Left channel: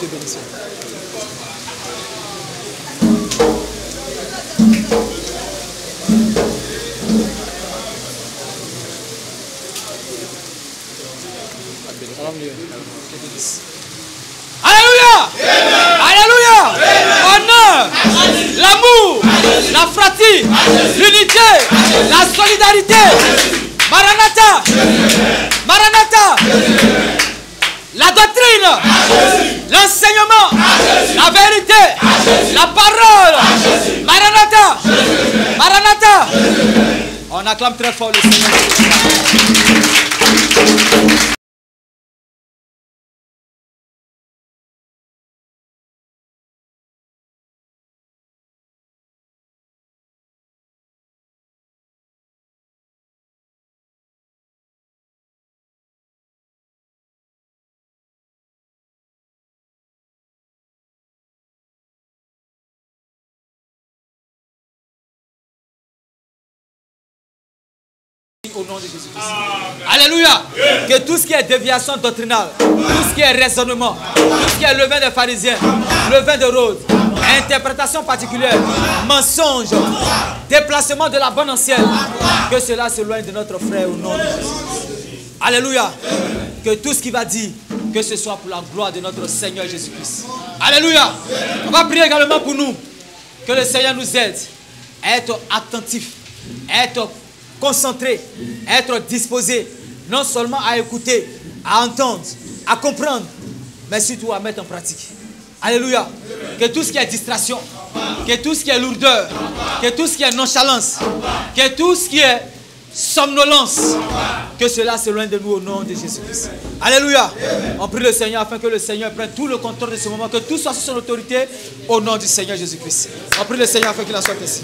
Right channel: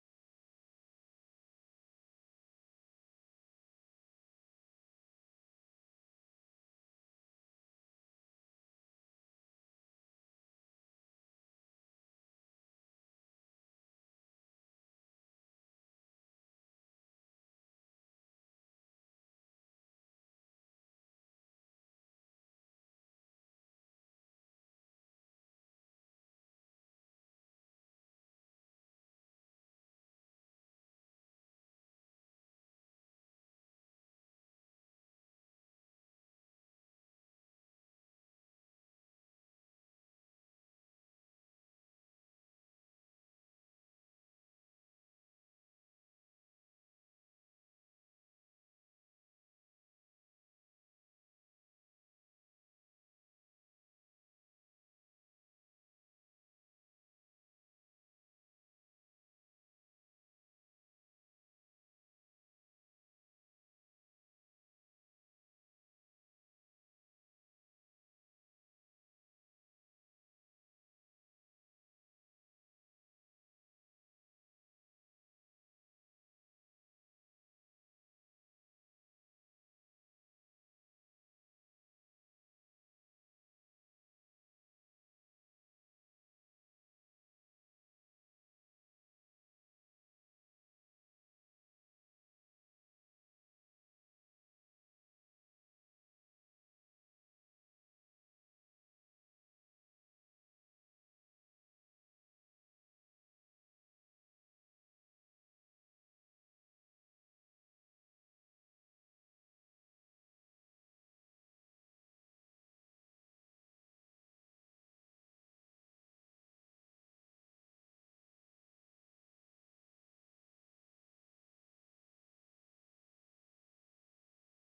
te bénisse. Alléluia! Alléluia! Honneur, l'amour, la fratrie, l'unité, la solidarité. Maranatha! Maranatha! La doctrine, l'enseignement, la vérité, la parole. Maranatha! Maranatha! On acclame très fort le Seigneur. Au nom de Jésus-Christ. Alléluia. Que tout ce qui est déviation doctrinale, tout ce qui est raisonnement, tout ce qui est levain des pharisiens, levain de Rhodes, interprétation particulière, mensonge, déplacement de la bonne ancienne, que cela s'éloigne de notre frère au nom de Jésus. Alléluia. Que tout ce qu'il va dire, que ce soit pour la gloire de notre Seigneur Jésus-Christ. Alléluia. On va prier également pour nous. Que le Seigneur nous aide à être attentifs, à être concentré, être disposé, non seulement à écouter, à entendre, à comprendre, mais surtout à mettre en pratique. Alléluia. Que tout ce qui est distraction, que tout ce qui est lourdeur, que tout ce qui est nonchalance, que tout ce qui est somnolence, que cela s'éloigne de nous au nom de Jésus-Christ. Alléluia. On prie le Seigneur afin que le Seigneur prenne tout le contrôle de ce moment, que tout soit sous son autorité au nom du Seigneur Jésus-Christ. On prie le Seigneur afin qu'il en soit ainsi.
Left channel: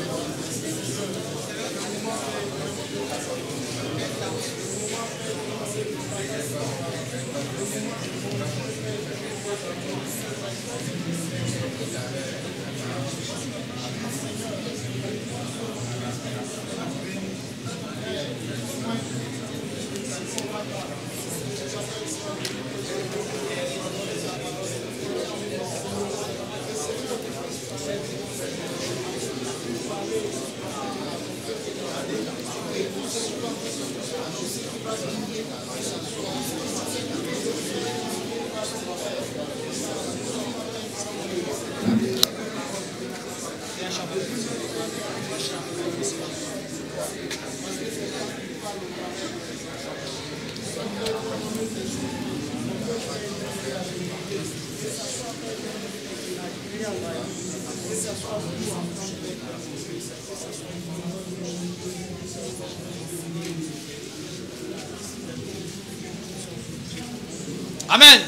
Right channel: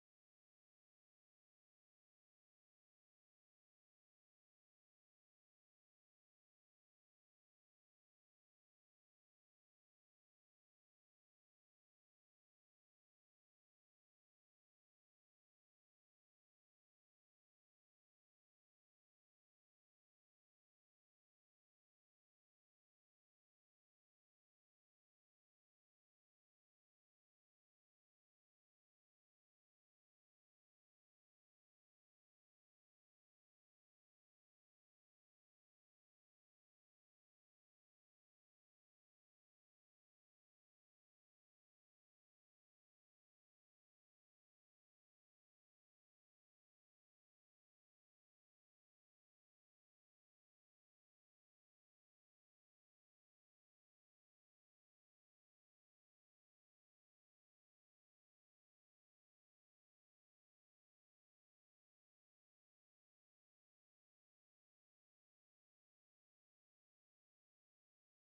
Amen.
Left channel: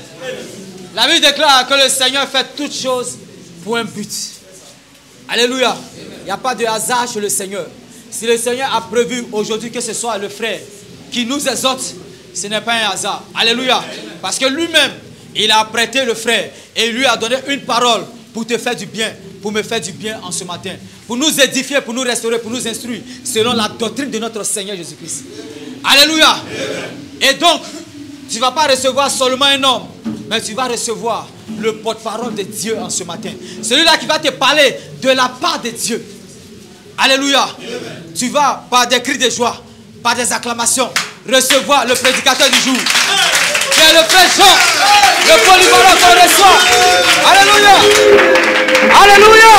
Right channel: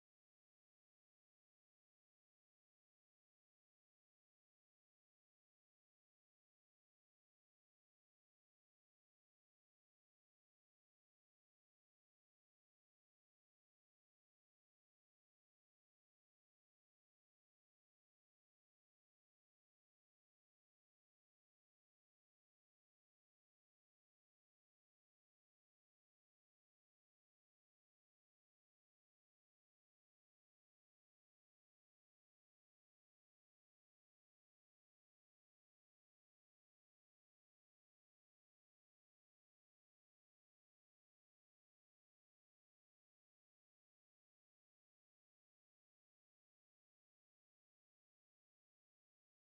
La Bible déclare que le Seigneur fait toutes choses pour un but. Alléluia. Il n'y a pas de hasard chez le Seigneur. Si le Seigneur a prévu aujourd'hui que ce soit le frère qui nous exhorte, ce n'est pas un hasard. Alléluia. Parce que lui-même, il a prêté le frère et il lui a donné une parole pour te faire du bien, pour me faire du bien en ce matin. Pour nous édifier, pour nous restaurer, pour nous instruire, selon la doctrine de notre Seigneur Jésus-Christ. Alléluia. Et donc, tu ne vas pas recevoir seulement un homme, mais tu vas recevoir le porte-parole de Dieu en ce matin. Celui-là qui va te parler de la part de Dieu. Alléluia. Tu vas, par des cris de joie, par des acclamations, recevoir le prédicateur du jour. C'est le frère Jean, le polyvalent qu'on reçoit. Alléluia. Alléluia.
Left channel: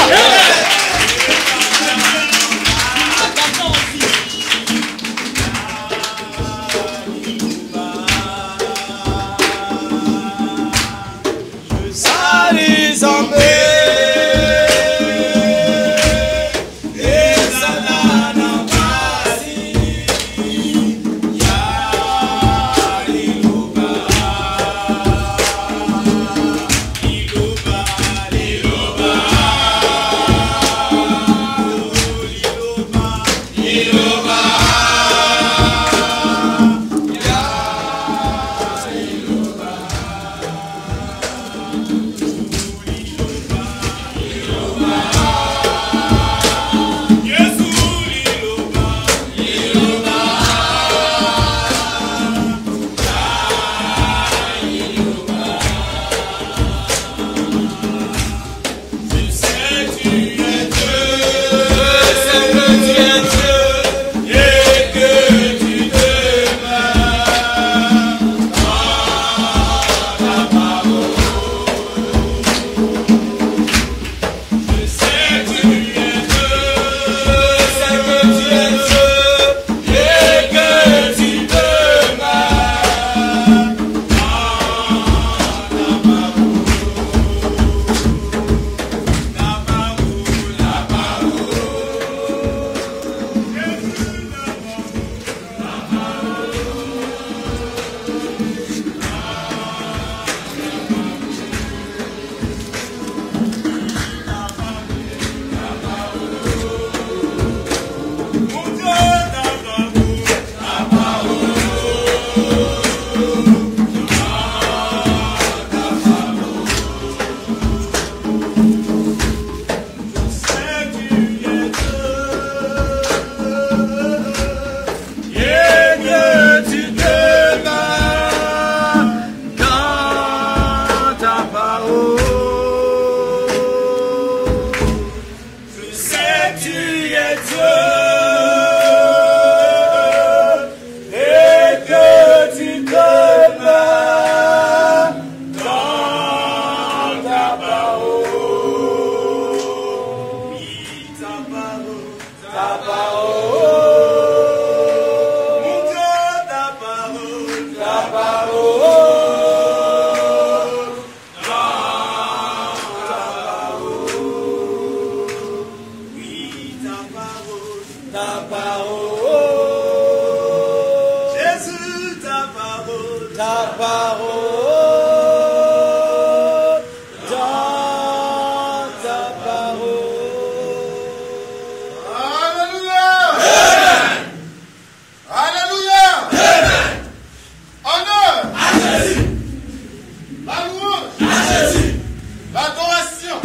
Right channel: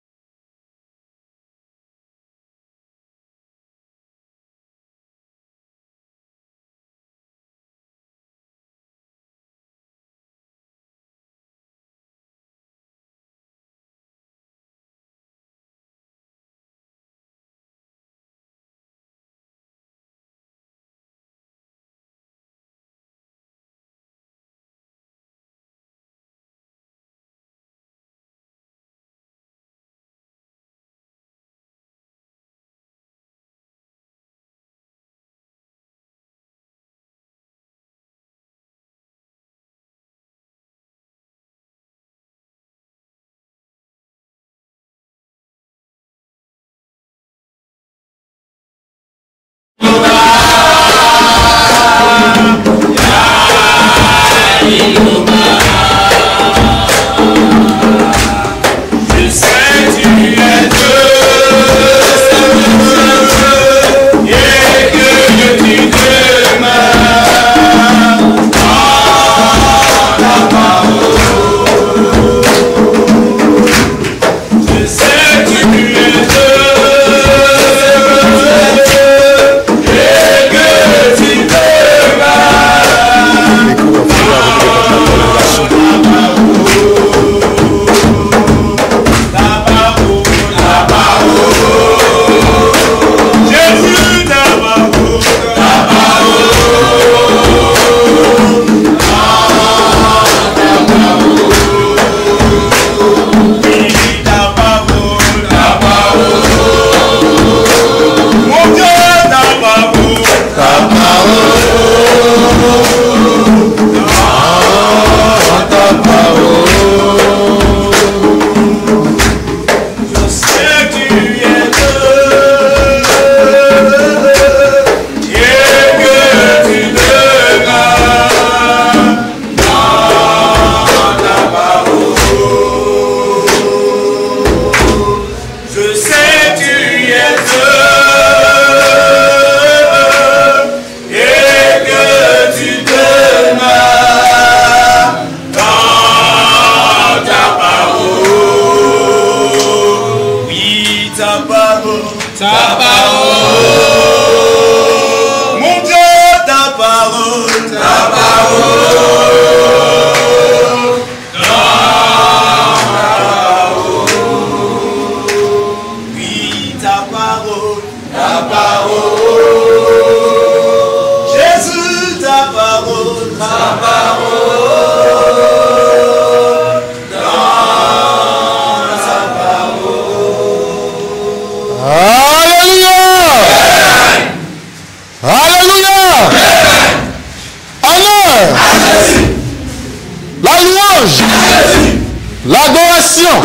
L'adoration.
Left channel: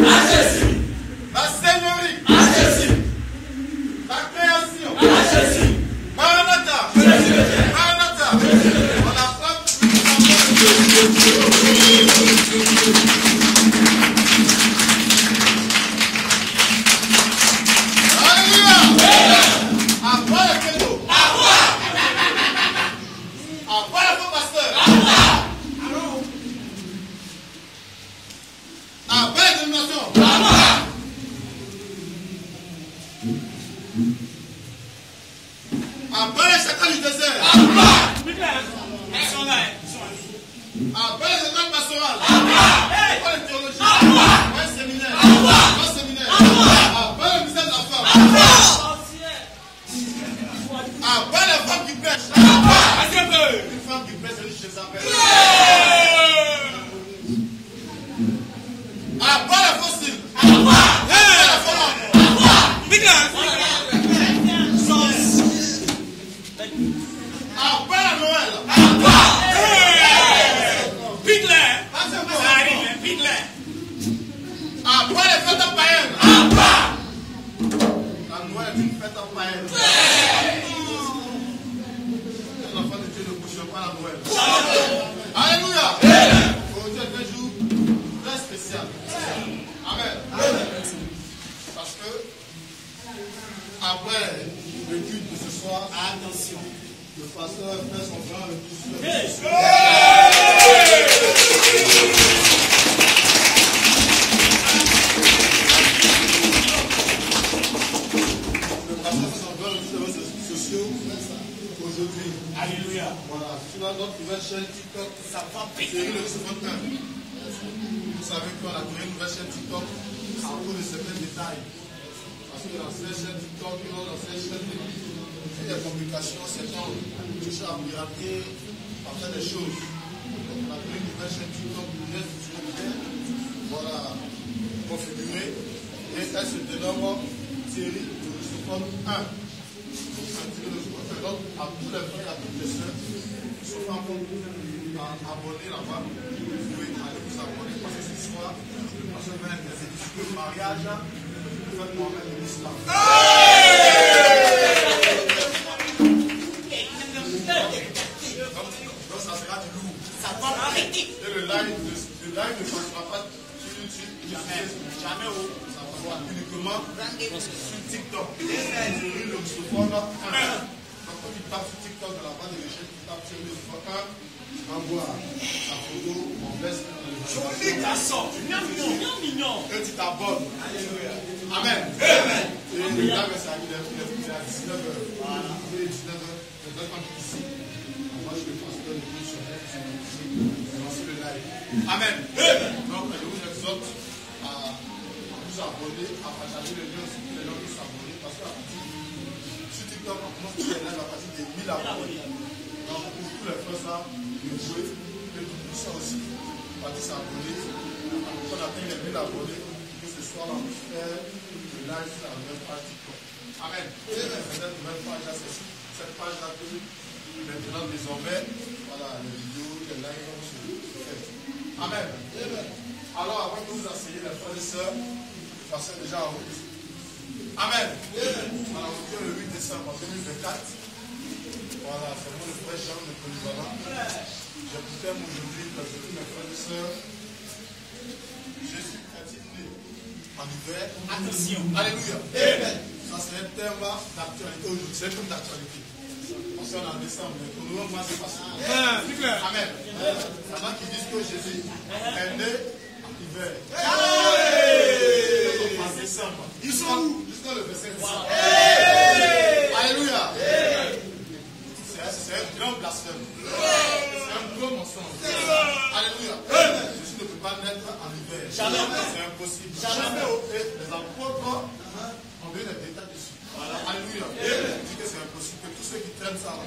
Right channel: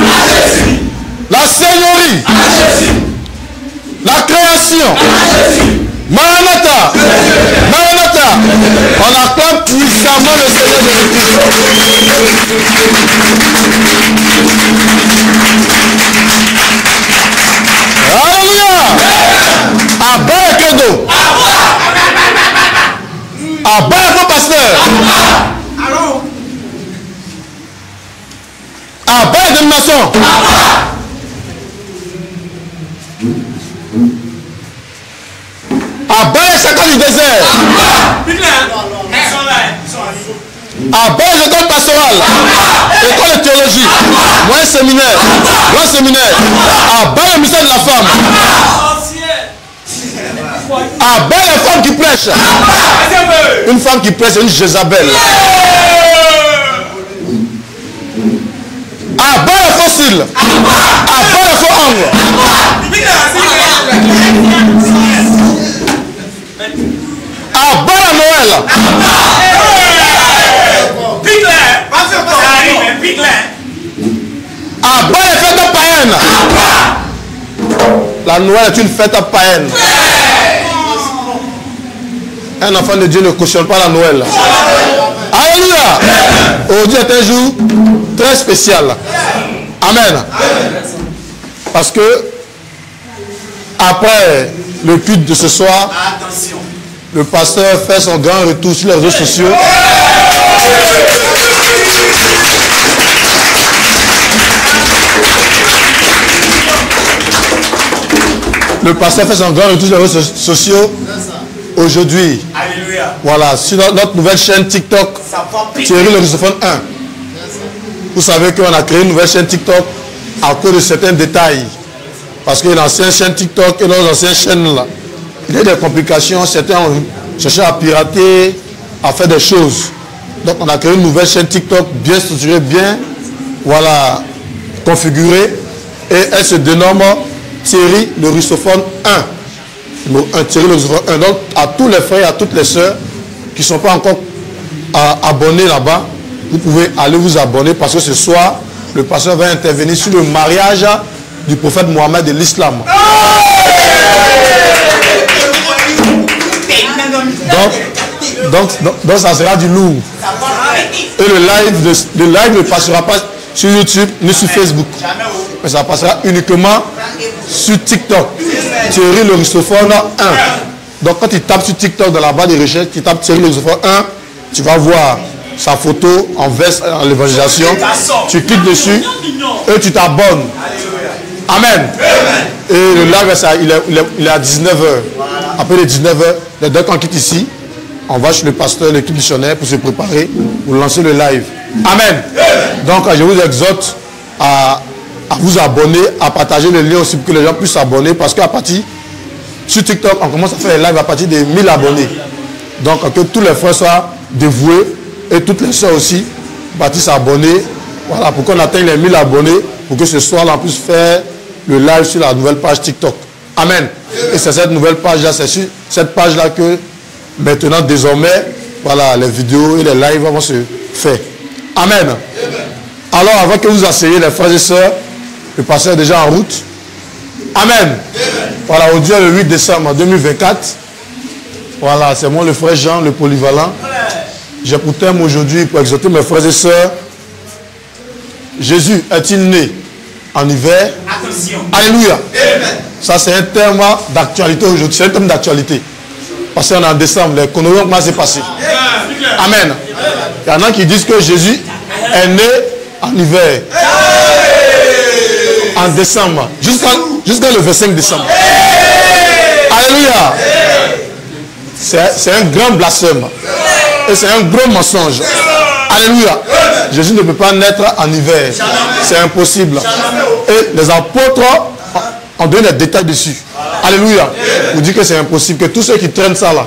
La seigneurie. La création. Maranatha. Maranatha. On acclame puissamment le Seigneur de l'Église. Alléluia. Abba et Kedo. Abba et pasteur. Abba et domination. Abba et chacun du désert. Abba et école pastorale. École de théologie. Moyen séminaire. Grand séminaire. Abba le ministère de la femme. Abba les femmes qui prêchent. Une femme qui prêche, une Jézabel. Abba les fossiles. Abba les faux angles. Abba la Noël. Abba les fêtes païennes. La Noël est une fête païenne. Un enfant de Dieu ne cautionne pas la Noël. Alléluia. Aujourd'hui est un jour très spécial. Amen. Parce que après le culte de ce soir, le pasteur fait son grand retour sur les réseaux sociaux. Le pasteur fait son grand retour sur les réseaux sociaux aujourd'hui. Voilà, sur notre nouvelle chaîne TikTok, Thierry le Rusophone 1. Vous savez qu'on a créé une nouvelle chaîne TikTok à cause de certains détails. Parce que l'ancienne chaîne TikTok et nos anciennes chaînes là, il y a des complications, certains ont cherché à pirater, à faire des choses. Donc on a créé une nouvelle chaîne TikTok bien structurée, bien voilà, configurée. Et elle se dénomme Thierry le Rusophone 1. Thierry le Rusophone 1. Donc à tous les frères et à toutes les sœurs qui ne sont pas encore abonnés là-bas, vous pouvez aller vous abonner parce que ce soir, le pasteur va intervenir sur le mariage du prophète Mohammed de l'islam. Donc ça sera du lourd. Et le live ne passera pas sur YouTube ni sur Facebook. Mais ça passera uniquement sur TikTok. Thierry le Rusophone 1. Donc quand tu tapes sur TikTok dans la barre de recherche, tu tapes Thierry le Rusophone 1, tu vas voir sa photo en veste en l'évangélisation. Tu cliques dessus et tu t'abonnes. Amen. Et le live, il est à 19h. Après les 19h, dès qu'on quitte ici, on va chez le pasteur, l'équipe missionnaire pour se préparer, pour lancer le live. Amen. Donc je vous exhorte à vous abonner, à partager le lien aussi pour que les gens puissent s'abonner. Parce qu'à partir, sur TikTok, on commence à faire les lives à partir de 1000 abonnés. Donc que tous les frères soient dévoués et toutes les soeurs aussi partent s'abonner. Voilà, pour qu'on atteigne les 1000 abonnés, pour que ce soir là on puisse faire le live sur la nouvelle page TikTok. Amen. Et c'est cette nouvelle page-là, c'est sur cette page-là que maintenant, désormais, voilà, les vidéos et les lives vont se faire. Amen. Alors, avant que vous asseyez, les frères et sœurs, le pasteur est déjà en route. Amen. Voilà, aujourd'hui, le 8 décembre 2024. Voilà, c'est moi, le frère Jean, le polyvalent. J'ai pour thème aujourd'hui, pour exhorter mes frères et sœurs, Jésus est-il né en hiver? Attention. Alléluia. Ça, c'est un terme d'actualité aujourd'hui. C'est un thème d'actualité. Parce qu'on est en décembre, les conneries, comment c'est passé? Amen. Il y en a qui disent que Jésus est né en hiver. En décembre. Jusqu'à le 25 décembre. Alléluia. C'est un grand blasphème. Et c'est un gros mensonge. Alléluia. Jésus ne peut pas naître en hiver. C'est impossible. Et les apôtres ont donné des détails dessus. Alléluia. Vous dites que c'est impossible. Que tous ceux qui traînent ça là,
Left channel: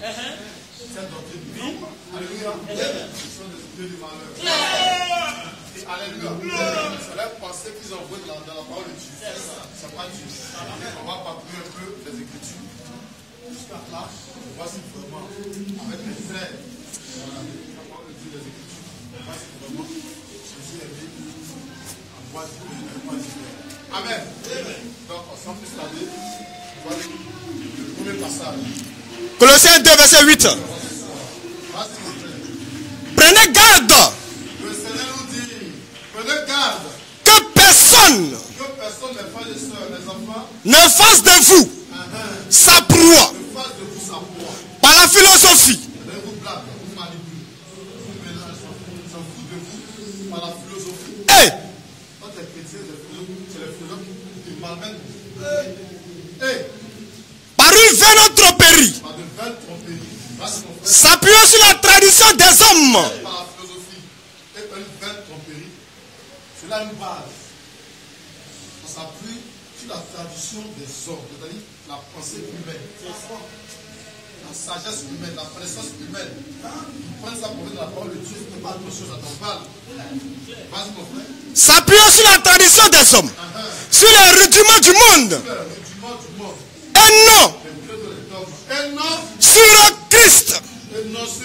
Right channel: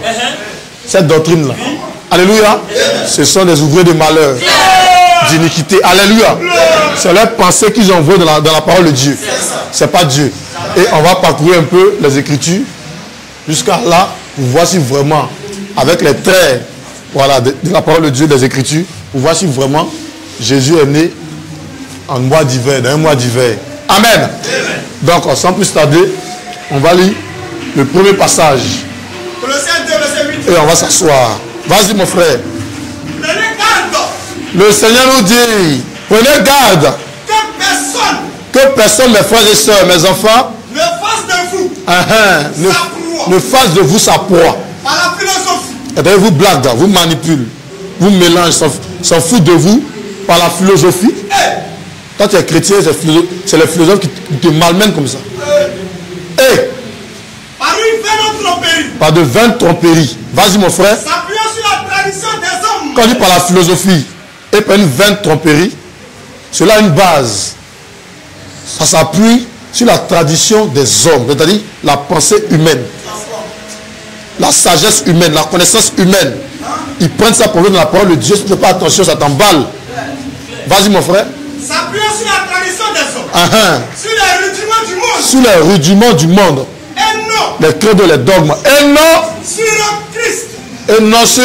cette doctrine là, alléluia, ce sont des ouvriers de malheur, d'iniquité. Alléluia. C'est leur pensée qu'ils envoient dans la parole de Dieu. C'est pas Dieu. Et on va parcourir un peu les Écritures jusqu'à là pour voir si vraiment, avec les traits voilà, de la parole de Dieu, des Écritures, pour voir si vraiment Jésus est né en mois d'hiver, dans un mois d'hiver. Amen. Donc, sans plus tarder, on va lire le premier passage. Colossiens 2, verset 8. Et on va s'asseoir. Vas-y, mon frère. Prenez garde. Le Seigneur nous dit, prenez garde. Que personne, mes frères et sœurs, mes enfants, ne fasse de vous sa proie. Ne fasse de vous sa proie. Par la philosophie. Et vous blague, vous manipule, vous mélange, s'en fout de vous par la philosophie. Quand tu es chrétien, c'est les philosophes qui te malmènent comme ça. Par une vaine tromperie. Par de vaines tromperies. Vas-y mon frère. S'appuyant sur la tradition des hommes. Quand on dit par la philosophie et par une vaine tromperie, cela a une base. Ça s'appuie sur la tradition des hommes, c'est-à-dire la pensée humaine, la sagesse humaine, la connaissance humaine. Ils prennent ça pour eux dans la parole de Dieu. Si tu ne fais pas attention, ça t'emballe. Vas-y mon frère. S'appuyant sur la tradition des hommes, sur les rudiments du monde. Sur les rudiments du monde. Et non. Les credos, les dogmes. Et non. Sur Christ. Et non sur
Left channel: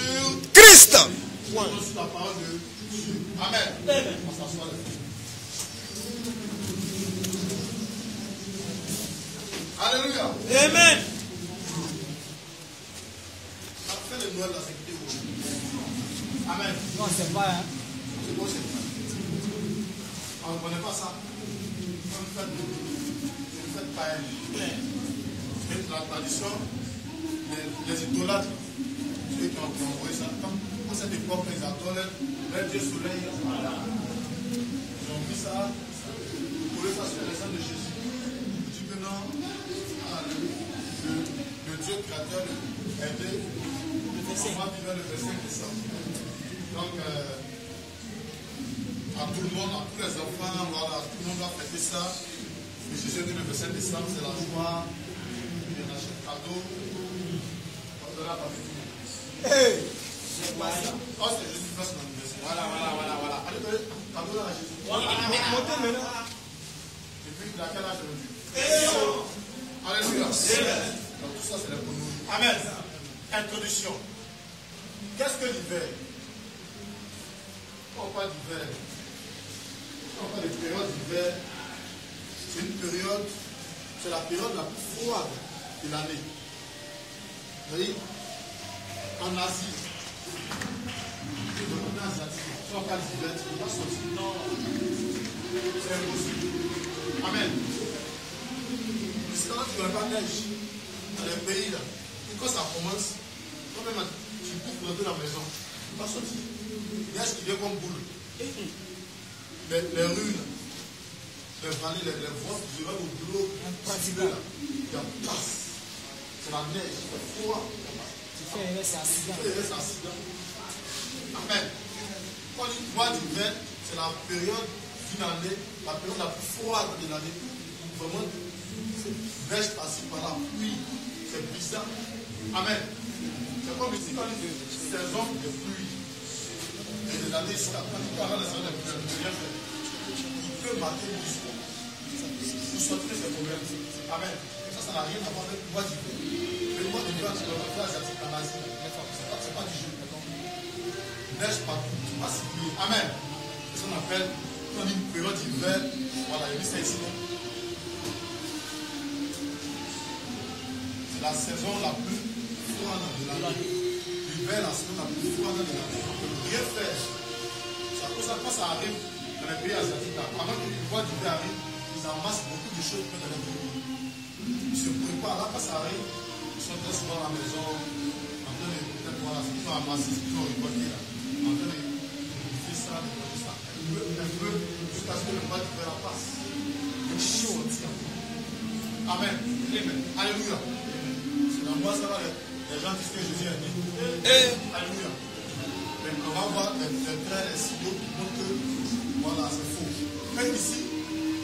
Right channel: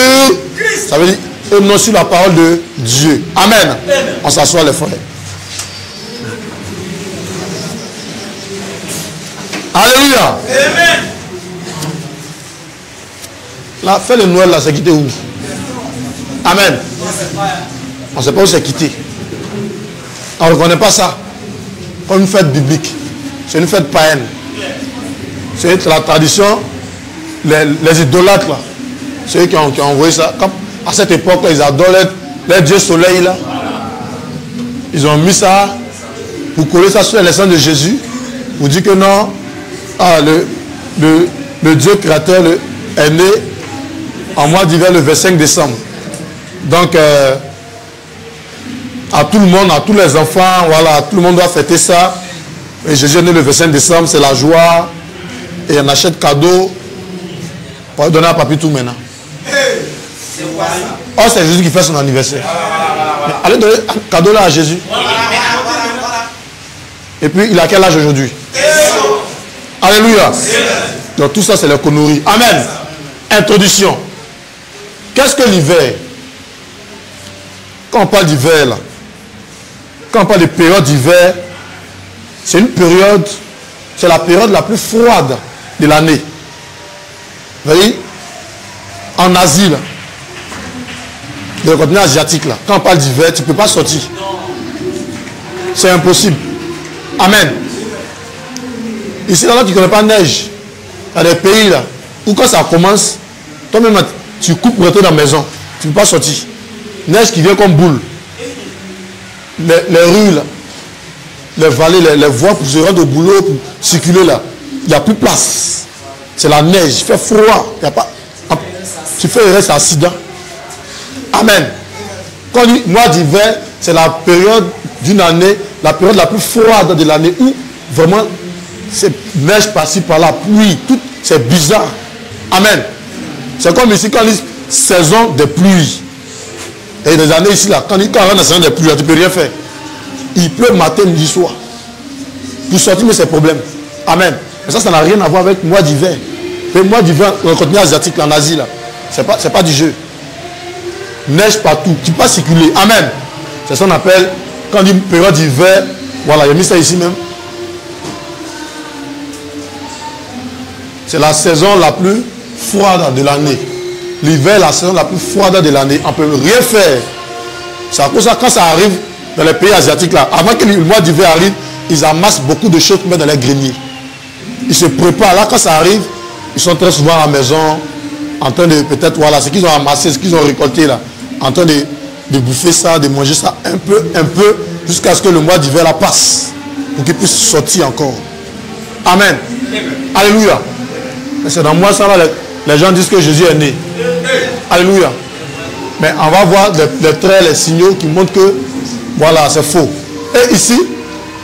Christ. Ça veut dire et non sur la parole de Dieu. Amen. On s'assoit les frères. Alléluia. Amen. Là, fais le Noël là, c'est quitté où? Amen. On ne sait pas où c'est quitté. On ne reconnaît pas ça comme une fête biblique. C'est une fête païenne. C'est la tradition, les idolâtres là. Ceux qui ont envoyé ça. Comme à cette époque là, ils adorent les dieux soleil là. Ils ont mis ça pour coller ça sur les sangs de Jésus. Pour dire que non, le Dieu créateur est né en mois d'hiver le 25 décembre. Donc, à tout le monde, à tous les enfants, voilà, tout le monde doit fêter ça. Et Jésus est né le 25 décembre, c'est la joie. Et on achète cadeau. On va donner à papy tout maintenant. Oh, c'est Jésus qui fait son anniversaire. Mais allez donner un cadeau là à Jésus. Et puis, il a quel âge aujourd'hui? Alléluia. Donc tout ça, c'est la connerie. Amen. Introduction. Qu'est-ce que l'hiver? Quand on parle d'hiver, là, quand on parle de période d'hiver, c'est une période, c'est la période la plus froide de l'année. Vous voyez? En Asie, là, dans le continent asiatique, là, quand on parle d'hiver, tu ne peux pas sortir. C'est impossible. Amen. Ici, là, tu ne connais pas neige. Il y a des pays là où quand ça commence, toi-même, tu coupes pour rentrer dans la maison. Tu ne peux pas sortir. Neige qui vient comme boule. Les rues, là, les vallées, les voies pour se rendre au boulot, pour circuler là. Il n'y a plus de place. C'est la neige. Il fait froid. Il y a pas... Tu fais le reste accident. Amen. Quand on dit mois d'hiver, c'est la période d'une année, la période la plus froide de l'année où vraiment c'est neige par-ci par-là, pluie, tout, c'est bizarre. Amen. C'est comme ici quand on dit saison de pluie. Et des années ici là, quand on rentre dans la saison de pluie, tu ne peux rien faire. Il pleut matin, midi, soir. Pour sortir, mais c'est problème. Amen. Mais ça n'a rien à voir avec le mois d'hiver. Le mois d'hiver, dans le continent asiatique, en Asie, là, c'est pas du jeu. Neige partout, tu ne peux pas circuler. Amen. C'est ça qu'on appelle, quand on dit période d'hiver, voilà, il a mis ça ici même. C'est la saison la plus froide de l'année. L'hiver, la saison la plus froide de l'année. On ne peut rien faire. C'est à cause de ça, quand ça arrive dans les pays asiatiques, là, avant que le mois d'hiver arrive, ils amassent beaucoup de choses pour mettre dans les greniers. Ils se préparent. Là, quand ça arrive, ils sont très souvent à la maison, en train de, peut-être, voilà, ce qu'ils ont amassé, ce qu'ils ont récolté, là, en train de bouffer ça, de manger ça un peu, jusqu'à ce que le mois d'hiver là passe, pour qu'ils puissent sortir encore. Amen. Alléluia. C'est dans moi ça, là, les gens disent que Jésus est né. Alléluia. Mais on va voir les traits, les signaux qui montrent que, voilà, c'est faux. Et ici,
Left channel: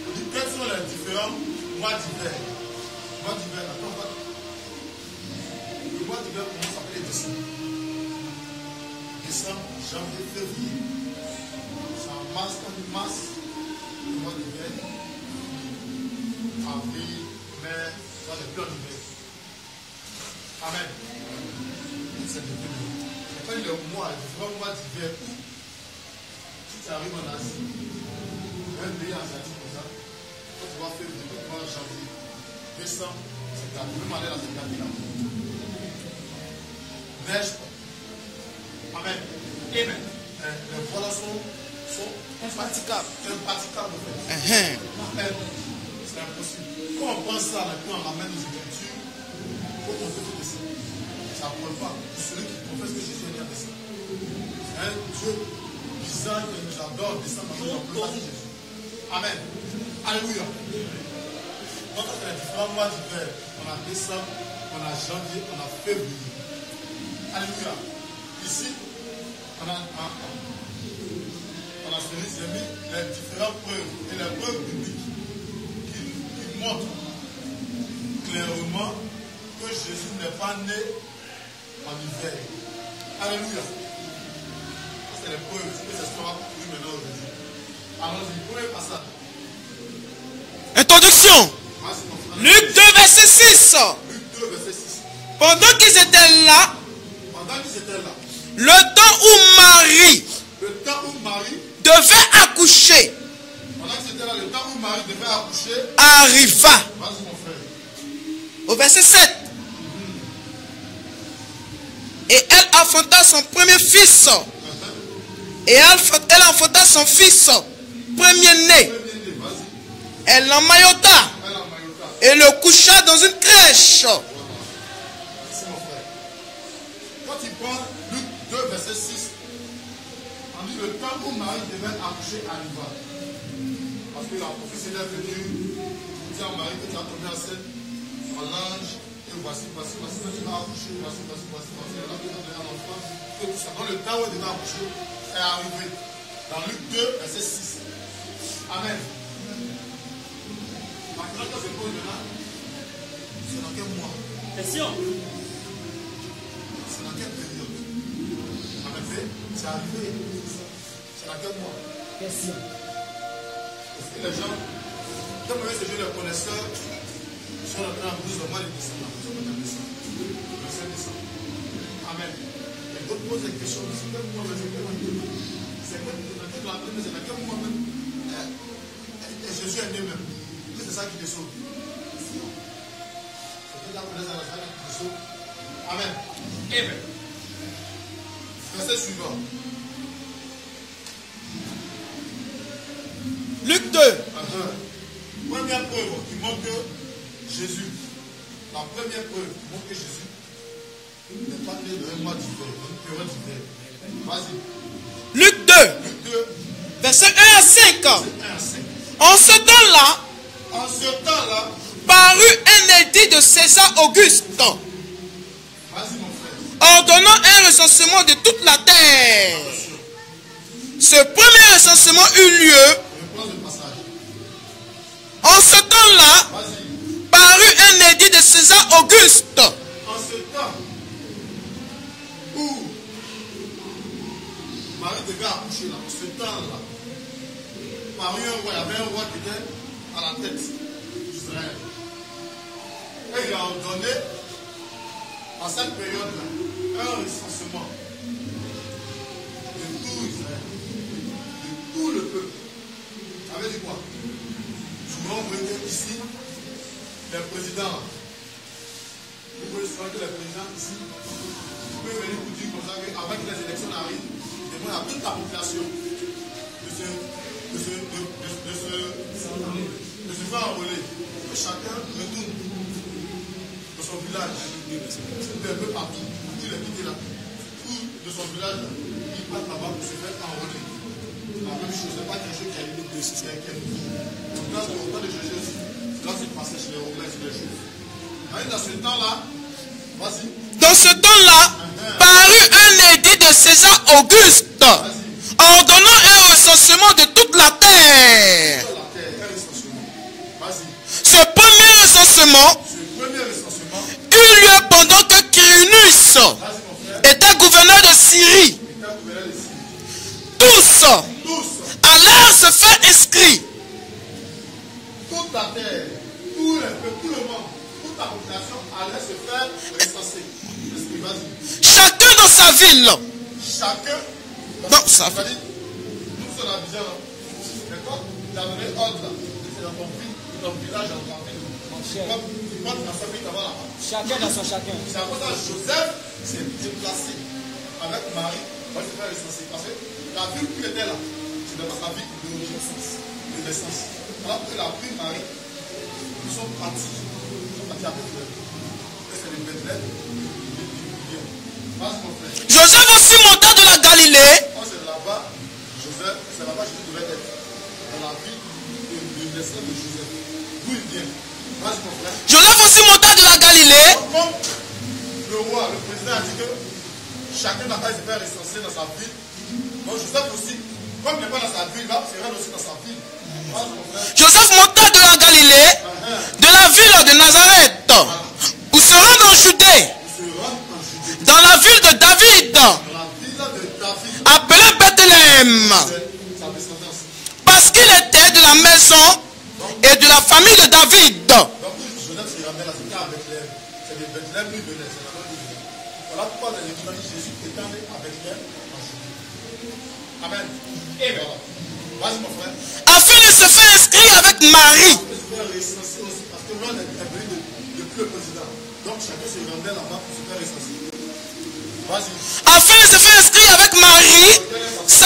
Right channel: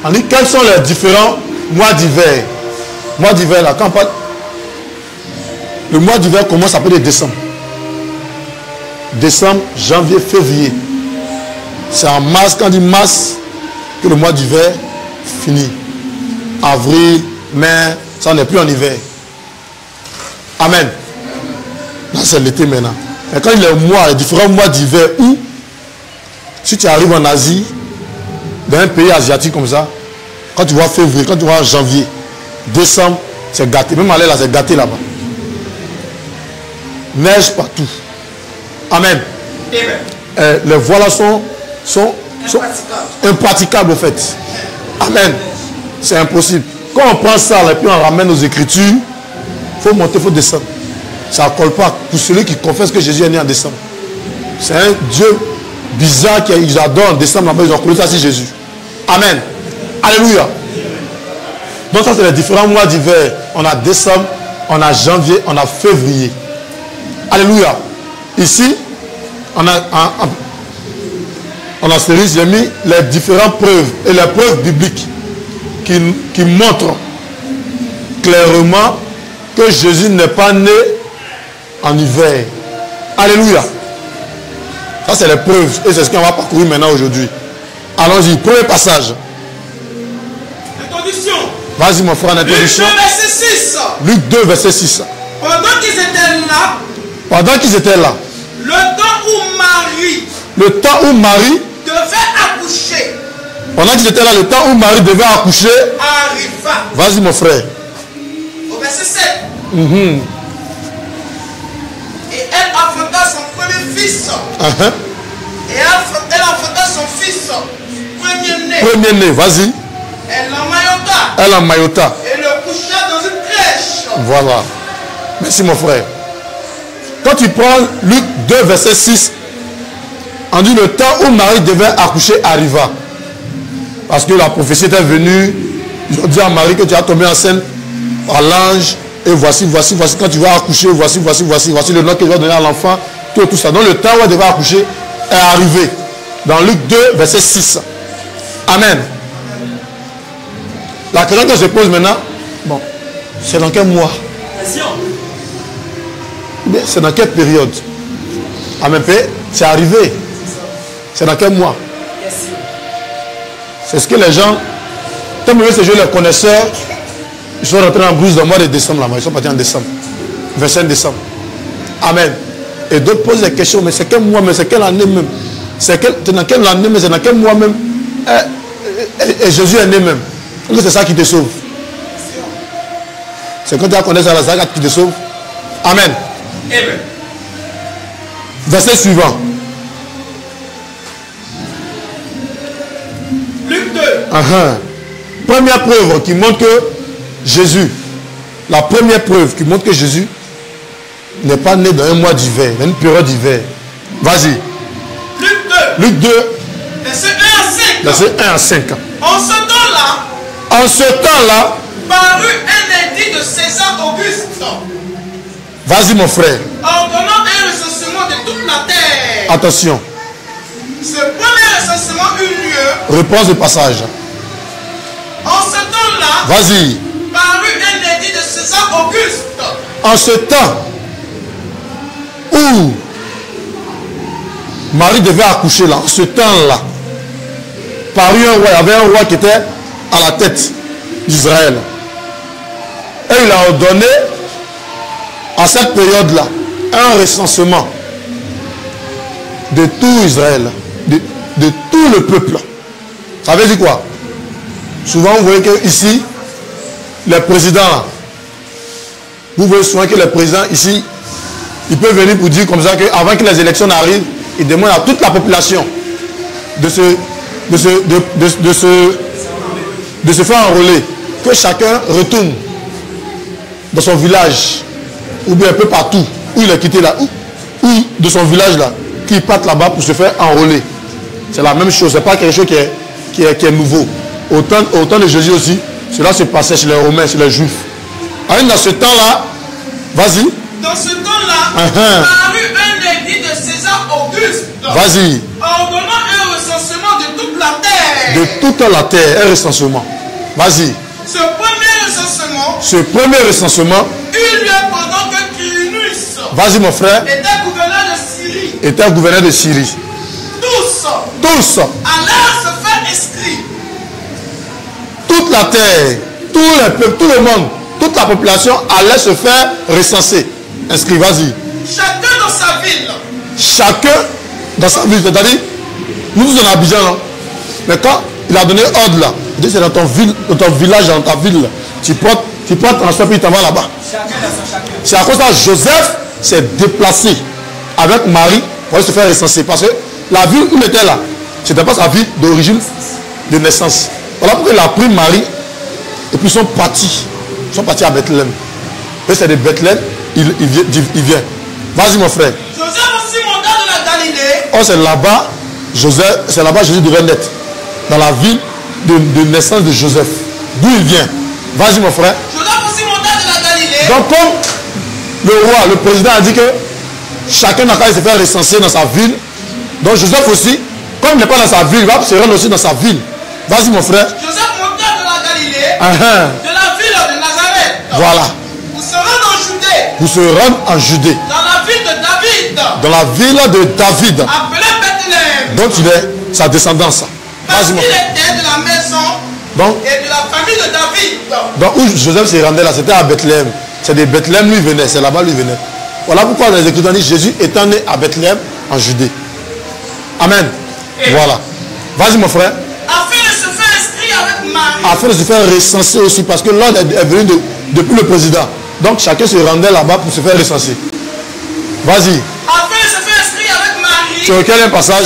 on dit quels sont les différents mois d'hiver. Mois d'hiver, là, quand on parle, le mois d'hiver commence à partir de décembre. Décembre, janvier, février. C'est en mars, quand on dit mars, que le mois d'hiver finit. Avril, mai, ça n'est plus en hiver. Amen. Là, c'est l'été maintenant. Mais quand il y a les différents mois d'hiver où, si tu arrives en Asie, dans un pays asiatique comme ça, quand tu vois février, quand tu vois janvier, décembre, c'est gâté. Même aller là, c'est gâté là-bas. Neige partout. Amen. Les voiles sont impraticables au fait. Amen. C'est impossible. Quand on prend ça là, et puis on ramène aux Écritures, il faut monter, il faut descendre. Ça ne colle pas pour celui qui confesse que Jésus est né en décembre. C'est un Dieu bizarre qu'ils adorent en décembre, là-bas, ils ont collé ça sur Jésus. Amen. Alléluia. Donc ça c'est les différents mois d'hiver. On a décembre, on a janvier, on a février. Alléluia. Ici, on a série, j'ai mis les différentes preuves et les preuves bibliques qui montrent clairement que Jésus n'est pas né en hiver. Alléluia. Ça c'est les preuves et c'est ce qu'on va parcourir maintenant aujourd'hui. Allons-y, premier passage. Introduction. Vas-y mon frère, en introduction. Luc 2, verset 6. Luc 2, verset 6. Pendant qu'ils étaient là, le temps où Marie devait accoucher. Pendant qu'ils étaient là, le temps où Marie devait accoucher arriva. Vas-y mon frère. Au verset 7. Et elle enfanta son premier fils. Et elle enfanta son fils premier-né. Premier-né, vas-y. Elle l'emmaillota. Et le coucha dans une crèche. Voilà. Merci mon frère. Quand tu prends Luc 2, verset 6, on dit le temps où Marie devait accoucher arriva. Parce que la prophétie était venue. Ils ont dit à Marie que tu as tombé enceinte par l'ange. Et voici, quand tu vas accoucher, voici le nom que tu vas donner à l'enfant. Tout ça. Donc le temps où elle devait accoucher est arrivé. Dans Luc 2, verset 6. Amen. La question que je pose maintenant, bon, c'est dans quel mois? C'est dans quelle période? Amen. C'est arrivé. C'est dans quel mois? C'est ce que les gens, comme ces jeux, les connaisseurs, ils sont rentrés en brousse dans le mois de décembre là-bas. Ils sont partis en décembre. 25 décembre. Amen. Et d'autres posent des questions, mais c'est quel mois, mais c'est quelle année même? C'est dans quelle année, mais c'est dans quel mois même? Et Jésus est né même. C'est ça qui te sauve. C'est quand tu as connaissé ça, c'est ça qui te sauve. Amen. Amen. Verset suivant. Luc 2. Première preuve qui montre que Jésus, la première preuve qui montre que Jésus n'est pas né dans un mois d'hiver, dans une période d'hiver. Vas-y. Luc 2. Luc 2. Verset 1 à 5. Verset 1 à 5. En ce temps-là, parut un édit de César Auguste. Vas-y mon frère. Ordonnant un recensement de toute la terre. Attention. Ce premier recensement eut lieu. Réponse de passage. En ce temps-là, vas-y. Parut un édit de César Auguste. En ce temps où Marie devait accoucher là, en ce temps-là, parut un roi. Il y avait un roi qui était à la tête d'Israël. Et il a ordonné à cette période-là un recensement de tout Israël, de tout le peuple. Ça veut dire quoi? Souvent vous voyez que ici, les présidents, vous voyez souvent que les présidents ici, ils peuvent venir pour dire comme ça qu'avant que les élections arrivent, ils demandent à toute la population de se faire enrôler, que chacun retourne dans son village, ou bien un peu partout, où il est quitté là, ou de son village là, qu'il parte là-bas pour se faire enrôler. C'est la même chose, c'est pas quelque chose qui est nouveau. Au temps de Jésus aussi, cela se passait chez les Romains, chez les Juifs. Alors, dans ce temps-là, vas-y. Dans ce temps-là, parut un édit de César Auguste. Vas-y. Ordonnant un recensement de toute la terre. De toute la terre, un recensement. Vas-y. Ce premier recensement eut lieu pendant que Quirinus, vas-y mon frère, était gouverneur de Syrie. Tous allèrent se faire inscrire. Toute la terre, tout le peuple, tout le monde, toute la population allait se faire recenser. Inscrit, vas-y. Chacun dans sa ville. Chacun dans sa ville. C'est-à-dire, nous sommes en Abidjan, non? Mais Il a donné ordre là. Il dit c'est dans ton village, dans ta ville. Tu prends transport puis il t'en va là-bas. C'est à cause de ça Joseph s'est déplacé avec Marie pour aller se faire recenser. Parce que la ville où il était là, ce n'était pas sa ville d'origine, de naissance. Voilà pourquoi il a pris Marie et puis ils sont partis à Bethléem. Et c'est de Bethléem, il vient. Vas-y mon frère. Joseph aussi monta de la Galilée. Oh, c'est là-bas Jésus devait naître. Dans la ville de naissance de Joseph. D'où il vient. Vas-y mon frère. Joseph aussi monta de la Galilée. Donc comme le roi, le président a dit que chacun n'a qu'à se faire recenser dans sa ville. Donc Joseph aussi, comme il n'est pas dans sa ville, il va se rendre aussi dans sa ville. Vas-y mon frère. Joseph monta de la Galilée, de la ville de Nazareth. Voilà. Pour se rendre en Judée. Pour se rendre en Judée. Dans la ville de David. Dans la ville de David. Appelée Bethléem. Donc il est sa descendance. Parce qu'il était de la maison et de la famille de David. Donc où Joseph s'est rendu là, c'était à Bethléem. C'est de Bethléem lui venait, c'est là-bas lui venait. Voilà pourquoi les Écritures disent Jésus étant né à Bethléem en Judée. Amen. Voilà. Vas-y mon frère. Afin de se faire inscrire avec Marie. Afin de se faire recenser aussi, parce que l'ordre est venu depuis le président. Donc chacun se rendait là-bas pour se faire recenser. Vas-y. Afin de se faire inscrire avec Marie. Sur quel passage?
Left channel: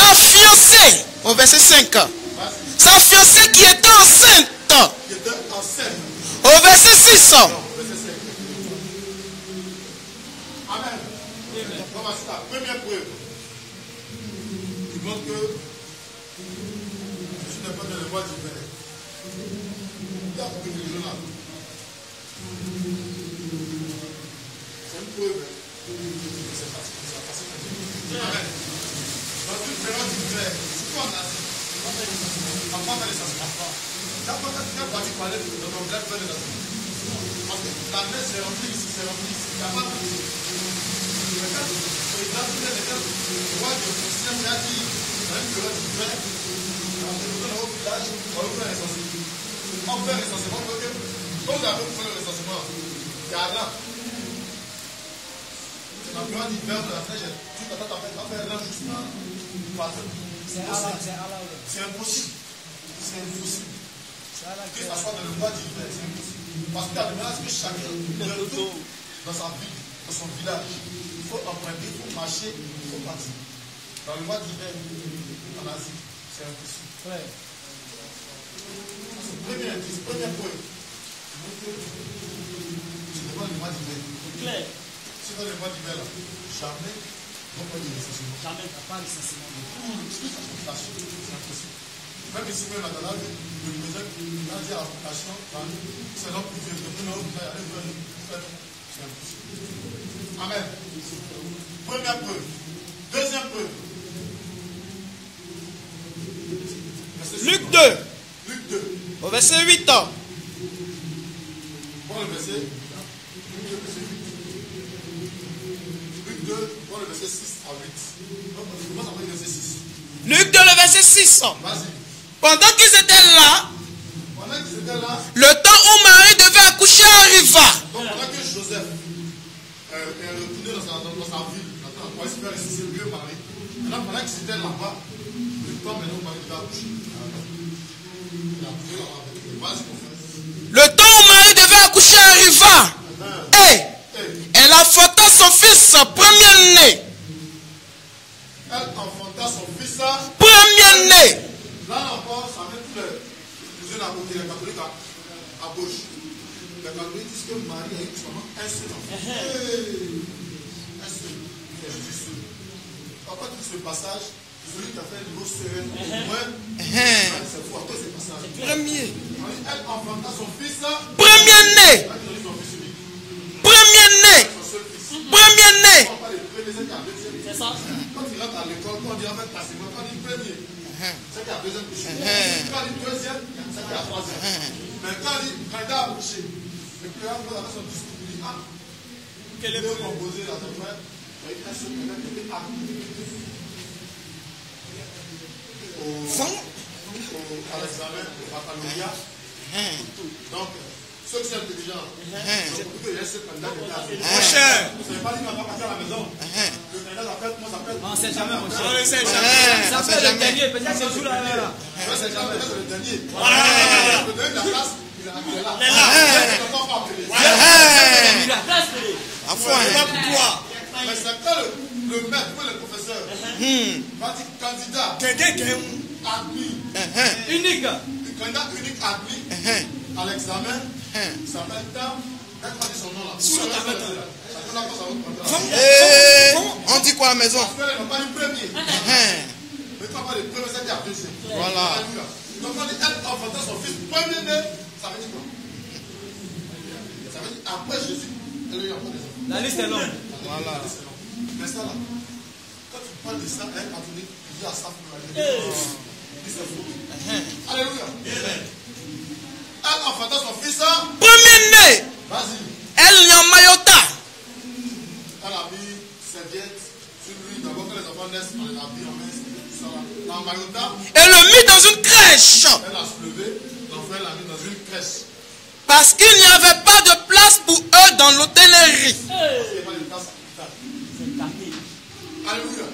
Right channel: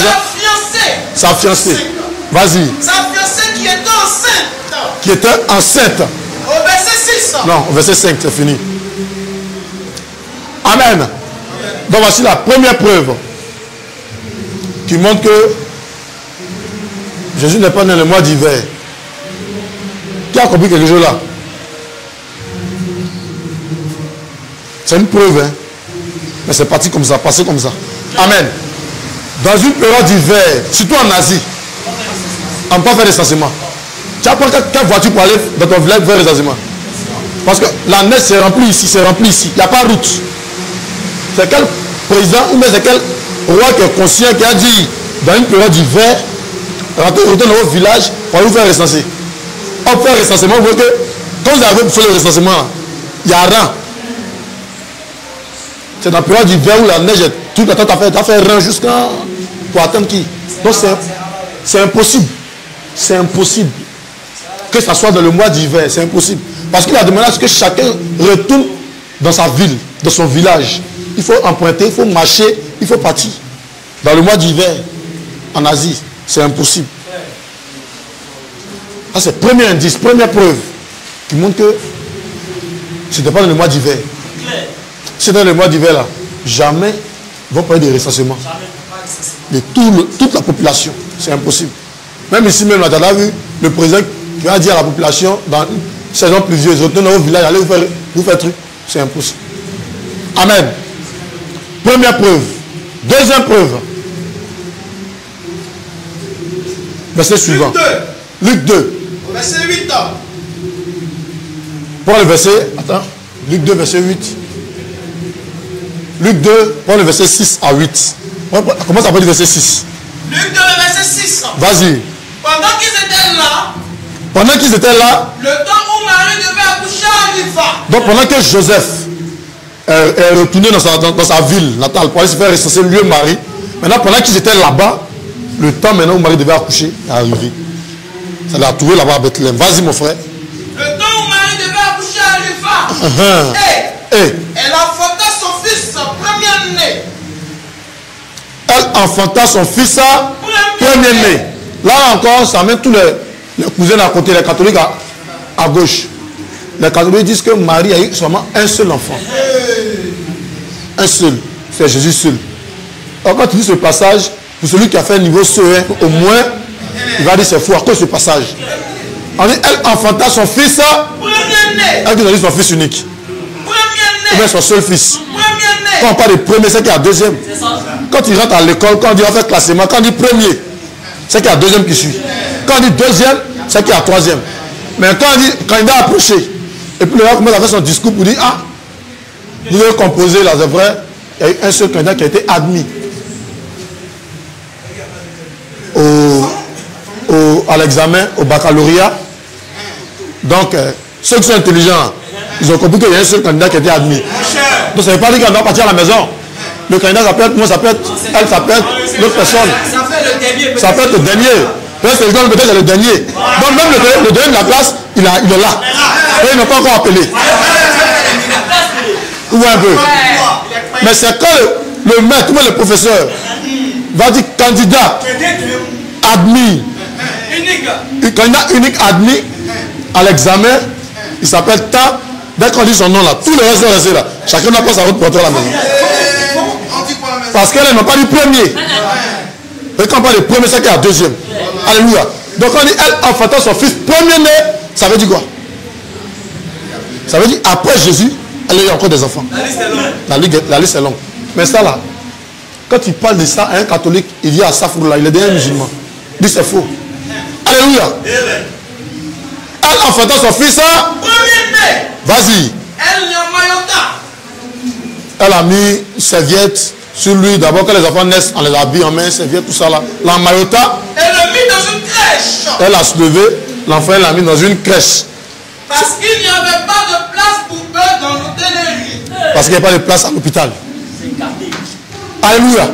Sa fiancée. Vas-y. Sa fiancée qui était enceinte. Qui était enceinte. Au verset 6. Non, au verset 5, c'est fini. Amen. Donc voici la première preuve qui montre que Jésus n'est pas né le mois d'hiver. Qui a compris quelque chose là? C'est une preuve, hein? Mais c'est parti comme ça, passé comme ça. Amen. Dans une période d'hiver, surtout en Asie, on ne peut pas faire recensement. Tu as pas quelle voiture pour aller dans ton village faire recensement? Parce que la neige s'est remplie ici, c'est rempli ici. Il n'y a pas de route. C'est quel président ou même c'est quel roi qui est conscient qui a dit dans une période d'hiver, rentrez dans votre village pour aller vous faire recenser. On fait un recensement, vous voyez que quand vous avez fait le recensement, il y a rien. C'est dans la période d'hiver où la neige est tout le temps, tu as fait rien jusqu'à pour attendre qui. Donc c'est impossible. C'est impossible que ça soit dans le mois d'hiver. C'est impossible. Parce qu'il a demandé à ce que chacun retourne dans sa ville, dans son village. Il faut emprunter, il faut marcher, il faut partir. Dans le mois d'hiver, en Asie, c'est impossible. Ça, c'est le premier indice, première preuve qui montre que ce n'était pas dans le mois d'hiver. Si c'est dans le mois d'hiver, là, jamais ils vont parler de recensement. De toute la population. C'est impossible. Même ici, même là, tu as vu le président qui va dire à la population, dans une saison pluvieuse, retournez dans vos villages, allez vous faire truc. C'est impossible. Amen. Première preuve. Deuxième preuve. Verset suivant. Luc 2. Verset 8. Prends le verset. Attends. Luc 2, verset 8. Luc 2, prends le verset 6 à 8. Comment ça s'appelle le verset 6? Luc 2, le verset 6. Vas-y. Pendant qu'ils étaient là, le temps où Marie devait accoucher arriva. Donc pendant que Joseph est retourné dans sa ville natale pour aller se faire recenser lui et Marie, maintenant pendant qu'ils étaient là-bas, le temps maintenant où Marie devait accoucher est arrivé. Ça l'a trouvé là-bas à Bethléem. Vas-y mon frère. Le temps où Marie devait accoucher arriva. Et elle enfanta son fils premier-né. Elle enfanta son fils premier-né. Là encore, ça met tous les cousins à côté, les catholiques à gauche. Les catholiques disent que Marie a eu seulement un seul enfant. Un seul. C'est Jésus seul. Alors quand tu dis ce passage, pour celui qui a fait un niveau CE1, au moins, il va dire c'est fou à cause de ce passage. On dit, elle enfanta son fils premier-né. Elle dit son fils unique. Premier-né. Son seul fils. Premier-né. Quand on parle de premier, c'est qu'il y a deuxième. Quand il rentre à l'école, quand on dit on fait classement, quand on dit premier, c'est qu'il y a deuxième qui suit. Quand on dit deuxième, c'est qu'il y a troisième. Mais quand on dit candidat approché, et puis le gars commence à faire son discours pour dire, ah, vous devez composer là, c'est vrai, il y a eu un seul candidat qui a été admis à l'examen, au baccalauréat. Donc, ceux qui sont intelligents, ils ont compris qu'il y a un seul candidat qui a été admis. Donc, ça ne veut pas dire qu'on doit partir à la maison. Le candidat, ça peut être moi, ça peut être elle, ça peut être l'autre personne. Ça peut être le dernier. Peut-être c'est le dernier. Donc même le dernier de la classe, il est là. Et ils n'ont pas encore appelé. Ou un peu. Mais c'est quand le maître, ou le professeur va dire candidat admis. Candidat unique admis à l'examen, il s'appelle Ta. Dès qu'on dit son nom là, tous les restes sont restés là. Chacun n'a pas sa route pour entrer à la maison. Parce qu'elle n'a pas dit premier. Et quand on parle de premier, c'est qu'il y a deuxième. Alléluia. Donc on dit elle enfantant son fils premier-né, ça veut dire quoi? Ça veut dire après Jésus, elle a eu encore des enfants. La liste est longue. Mais ça là, quand tu parles de ça à un catholique, il vient à Safourla, il est déjà musulman. Il dit c'est faux. Alléluia. Elle enfantant son fils, premier-né. Vas-y. Elle n'a mayota. Elle a mis une serviette sur lui. D'abord, quand les enfants naissent, on les habille en main, serviette, tout ça là. La mayota. Elle l'a mis dans une crèche. Elle a soulevé, l'enfant l'a mis dans une crèche. Parce qu'il n'y avait pas de place pour eux dans l'hôtellerie. Parce qu'il n'y a pas de place à l'hôpital. Alléluia.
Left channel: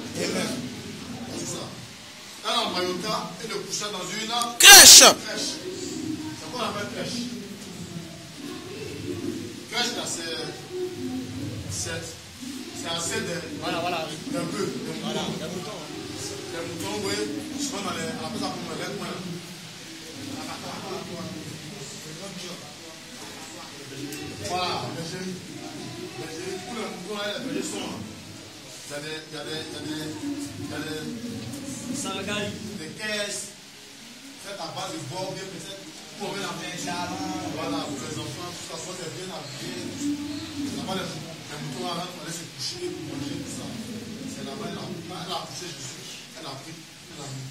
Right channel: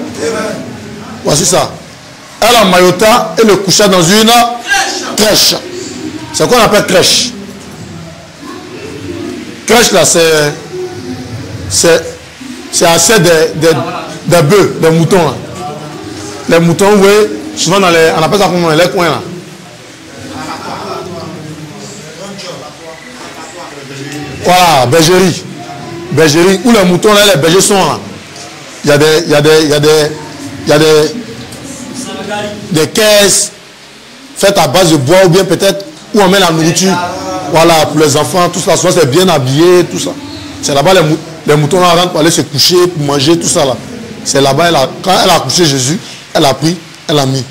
Voici ça. Elle a mayota et le coucha dans une crèche. C'est quoi on appelle crèche? Crèche là, c'est assez des bœufs, des moutons là. Les moutons, oui, souvent dans les, on appelle ça comment, les coins là. Voilà, bergerie. Bergerie, où les moutons là, les bergers sont là. Il y a des caisses faites à base de bois ou bien peut-être où on met la nourriture. Voilà, pour les enfants, tout ça, souvent c'est bien habillé, tout ça. C'est là-bas les moutons là rentrent pour aller se coucher, pour manger, tout ça là. C'est là-bas, quand elle a couché Jésus, elle a pris, elle a mis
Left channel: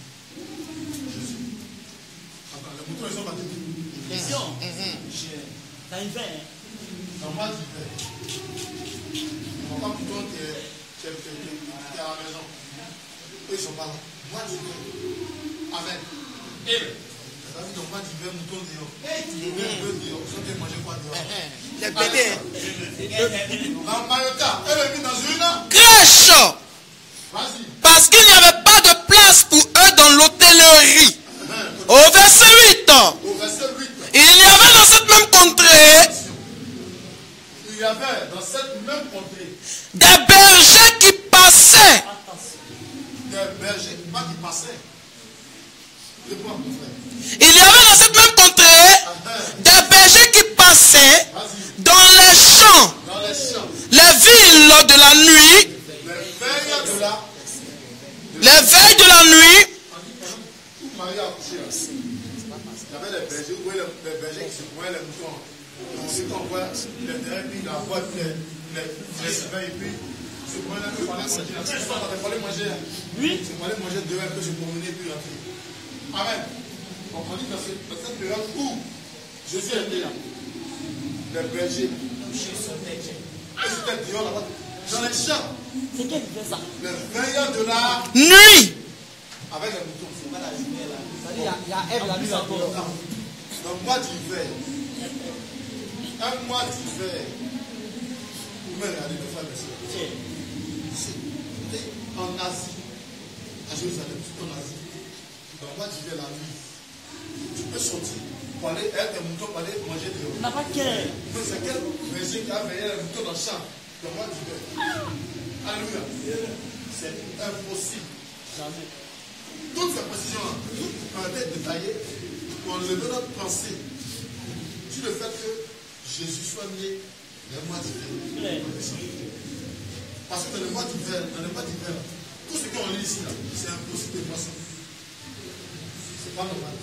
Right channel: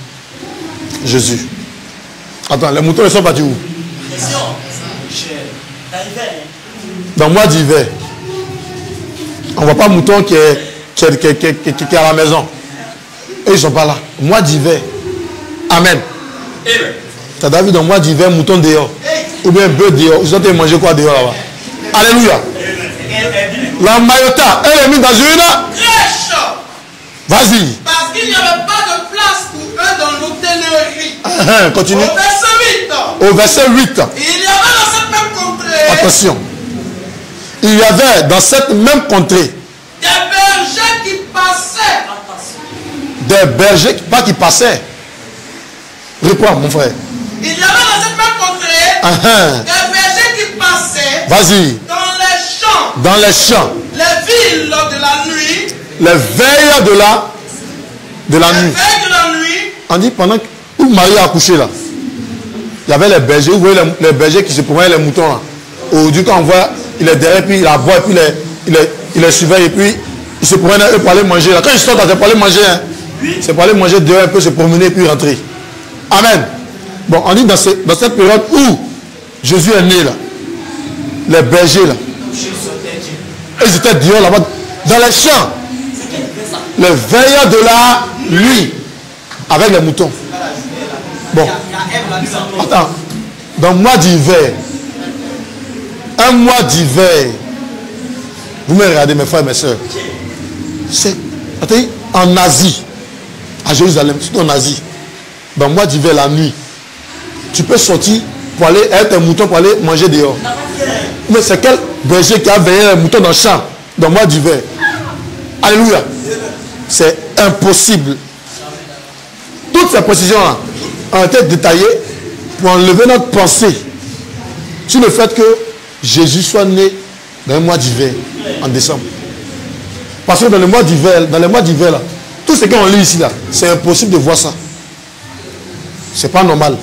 Jésus. Attends, les moutons ils sont partis où? Dans le mois d'hiver. On ne voit pas mouton qui est à la maison. Et ils ne sont pas là. Mois d'hiver. Amen. Tu as vu dans le mois d'hiver, mouton dehors. Ou bien bœuf dehors. Ils ont été manger quoi dehors là-bas? Alléluia. La mayota, elle est mise dans une crèche. Vas-y. Parce qu'il n'y avait pas de place pour eux dans l'hôtellerie. Continue. Au verset 8. Au verset 8. Il y avait dans cette même contrée. Attention. Il y avait dans cette même contrée des bergers qui passaient. Des bergers, pas qui passaient. Reprends, mon frère. Il y avait dans cette même contrée des bergers qui passaient. Vas-y. Dans les champs. Dans les champs. Les villes de la nuit. Les veilles de la nuit. Les veilles de la nuit. On dit pendant que Marie a accouché là, il y avait les bergers. Vous voyez les bergers qui se promenaient les moutons là. Aujourd'hui, quand on voit, il est derrière, puis il aboie, puis il les surveille, et puis il se promène eux pour aller manger. Là. Quand ils sortent, c'est pour aller manger. Hein. C'est pour aller manger dehors un peu, se promener, puis rentrer. Amen. Bon, on dit dans cette période où Jésus est né, là, les bergers, là, ils étaient dehors là-bas, dans les champs. Les veilleurs de la nuit, avec les moutons. Bon. Attends. Dans le mois d'hiver, un mois d'hiver, vous me regardez mes frères et mes soeurs, c'est en Asie, à Jérusalem, surtout en Asie, dans le mois d'hiver, la nuit, tu peux sortir pour aller être un mouton pour aller manger dehors. Mais c'est quel berger qui a veillé un mouton dans le champ, dans le mois d'hiver? Alléluia. C'est impossible. Toutes ces précisions-là ont été détaillées pour enlever notre pensée sur le fait que Jésus soit né dans le mois d'hiver, en décembre. Parce que dans les mois d'hiver, là, tout ce qu'on lit ici, là, c'est impossible de voir ça. C'est pas normal.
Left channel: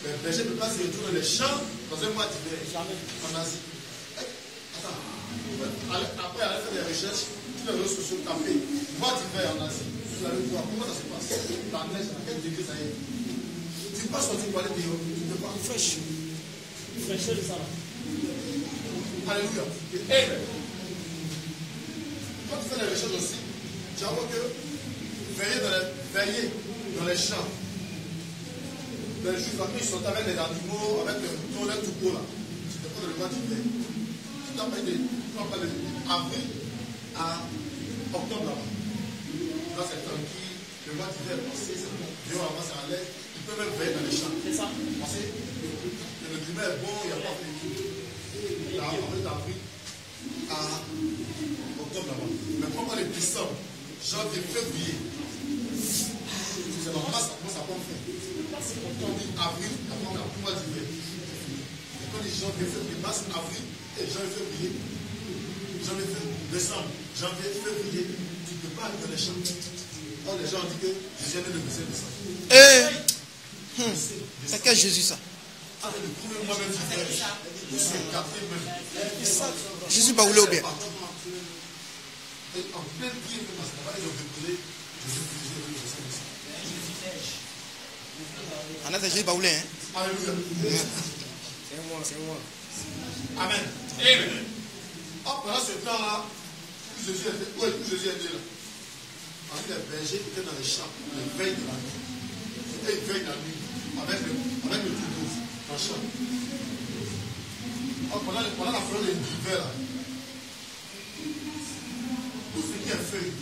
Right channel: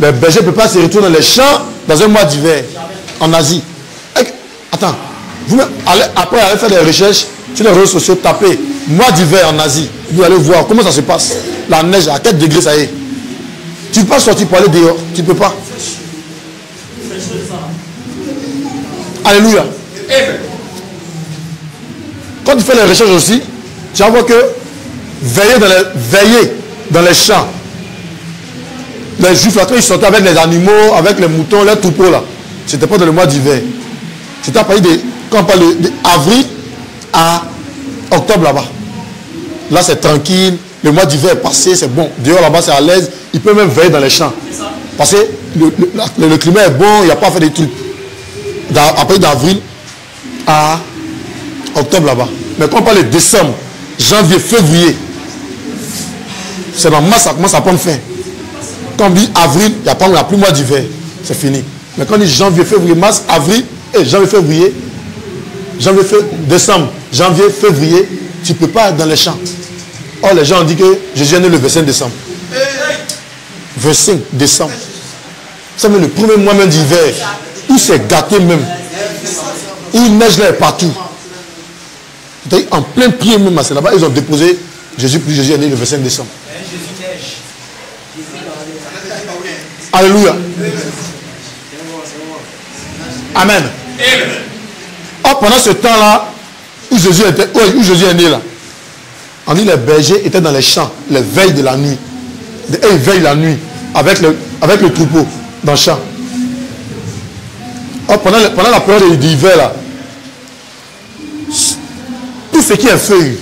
Les bergers ne peuvent pas se retrouver dans les champs dans un mois d'hiver, en Asie. Attends, vous après allez faire des recherches sur les réseaux sociaux, tapez mois d'hiver en Asie. Vous allez voir comment ça se passe. La neige, à quel degré ça est. Tu ne peux pas sortir pour aller dehors. Tu ne peux pas. Alléluia. Quand tu fais les recherches aussi, tu vas voir que veiller dans les champs. Les juifs, là, quand ils sortaient avec les animaux, avec les moutons, les troupeaux, là, c'était pas dans le mois d'hiver. C'était à partir de, quand on parle d'avril à octobre là-bas. Là, c'est tranquille. le mois d'hiver est passé, c'est bon. Dehors là-bas, c'est à l'aise. Il peut même veiller dans les champs. Parce que le climat est bon, il n'y a pas à faire des trucs. Après d'avril à octobre là-bas. Mais quand on parle de décembre, janvier, février, c'est dans mars, ça commence à prendre fin. Quand on dit avril, il n'y a plus mois d'hiver. C'est fini. Mais quand on dit janvier, février, mars, avril, janvier, février, décembre, janvier, février, tu ne peux pas être dans les champs. Or, les gens ont dit que Jésus est né le 25 décembre. 25 décembre. C'est même le premier mois même d'hiver, où c'est gâté même. Où il neige là partout. En plein pied même, c'est là-bas, ils ont déposé Jésus, puis Jésus est né le 25 décembre. Alléluia. Amen. Or, pendant ce temps-là, où Jésus est né là, on dit les bergers étaient dans les champs, les veilles de la nuit. Et ils veillent la nuit avec le troupeau dans le champ. Or, pendant la période d'hiver là, tout ce qui est feuille,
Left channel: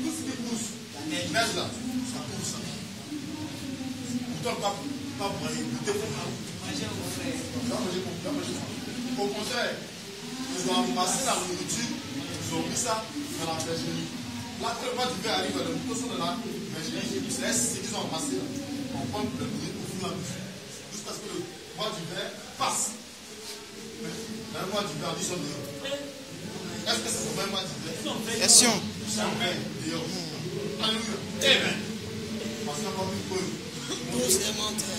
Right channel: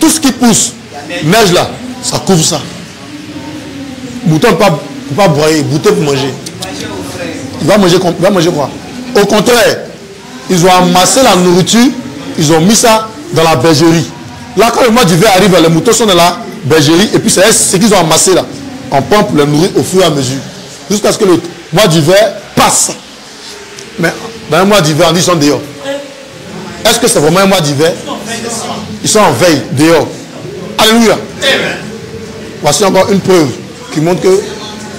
tout ce qui pousse, neige là, ça couvre ça. Mouton ne peut pas broyer, bouton pour manger. Il va manger quoi? Au contraire, ils ont amassé la nourriture, ils ont mis ça dans la bergerie. Là, quand le mois d'hiver arrive, les moutons sont dans la bergerie, et puis c'est ce qu'ils ont amassé là. On pompe les nourrir au fur et à mesure. Jusqu'à ce que le mois d'hiver passe. Mais dans un mois d'hiver, on dit qu'ils sont dehors. Est-ce que c'est vraiment un mois d'hiver? Ils sont en veille, dehors. Alléluia. Voici encore une preuve qui montre que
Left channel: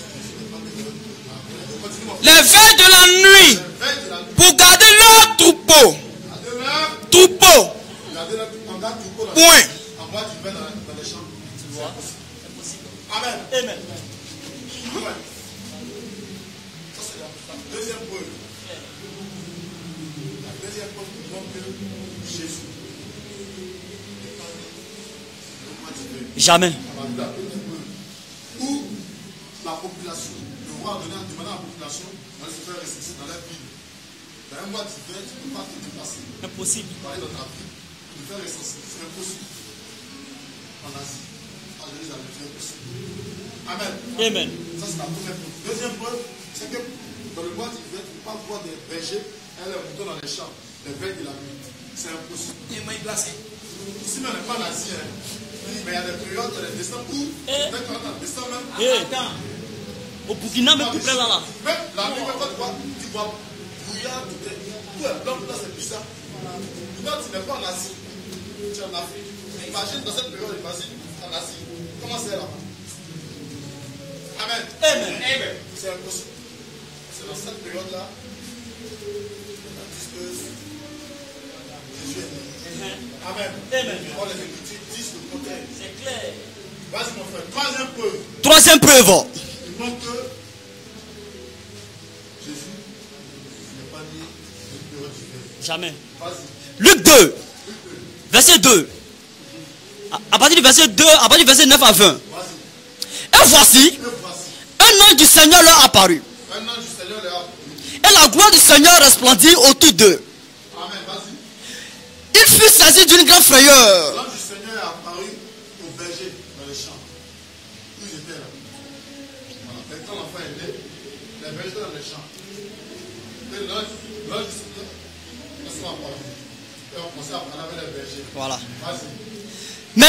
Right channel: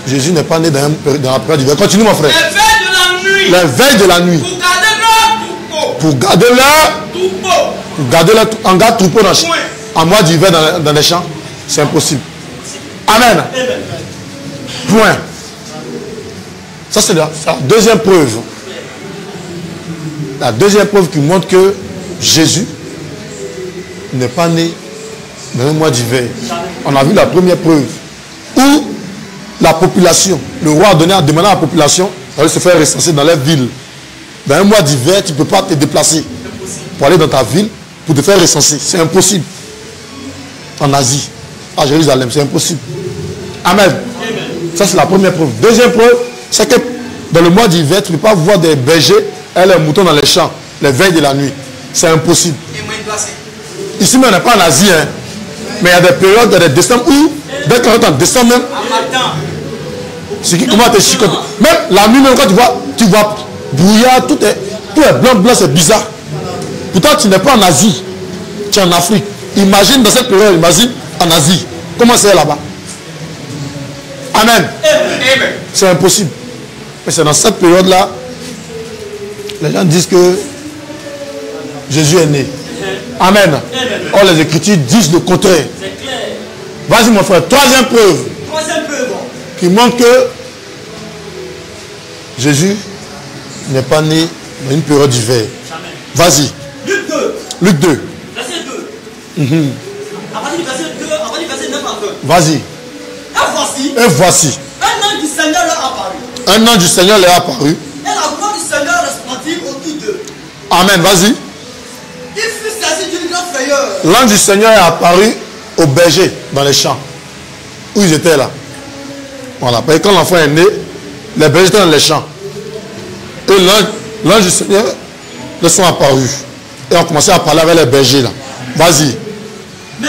Jésus n'est pas né dans la période d'hiver. Continue mon frère. Les veilles de la nuit. Les veilles de la nuit. Pour garder leur troupeau. Pour garder leur troupeau. Pour garder leur en garde troupeau en mois d'hiver dans les champs. C'est impossible. Amen. Point. Ça c'est la deuxième preuve. La deuxième preuve qui montre que Jésus n'est pas né dans un mois d'hiver. Jamais. On a vu la première preuve où la population, le roi a demandé à la population d'aller se faire recenser dans leur ville. Dans un mois d'hiver, tu ne peux pas te déplacer pour aller dans ta ville pour te faire recenser. C'est impossible. En Asie, à Jérusalem, c'est impossible. Amen. Ça, c'est la première preuve. Deuxième preuve, c'est que dans le mois d'hiver, tu ne peux pas voir des bergers et les moutons dans les champs, les veilles de la nuit. C'est impossible. Ici, mais on n'est pas en Asie, hein. Mais il y a des périodes, il y a des décembre où, dès qu'on est en décembre même, c'est qui commence à te chicoter. Même la nuit, même quand tu vois brouillard, tout est blanc, c'est bizarre. Pourtant, tu n'es pas en Asie, tu es en Afrique. Imagine dans cette période, imagine en Asie. Comment c'est là-bas? Amen. C'est impossible. Mais c'est dans cette période-là, les gens disent que Jésus est né. Amen. Or, les Écritures disent le contraire. Vas-y, mon frère. Troisième preuve. Troisième preuve. Qui montre que Jésus n'est pas né dans une période d'hiver. Vas-y. Luc 2. Luc 2. Verset 2. À partir du verset 2, à partir du verset 9 à 20. Vas-y. Et voici. Un ange du Seigneur leur apparut. Un ange du Seigneur leur apparut. Et la gloire du Seigneur resplendit autour d'eux. Amen. Vas-y. Il fut saisi d'une grande frayeur. L'ange du Seigneur est apparu aux bergers dans les champs. Où ils étaient là. Voilà. Parce que quand l'enfant est né, les bergers étaient dans les champs. Et l'ange du Seigneur leur sont apparus. Et on commençait à parler avec les bergers là. Voilà. Vas-y. Mais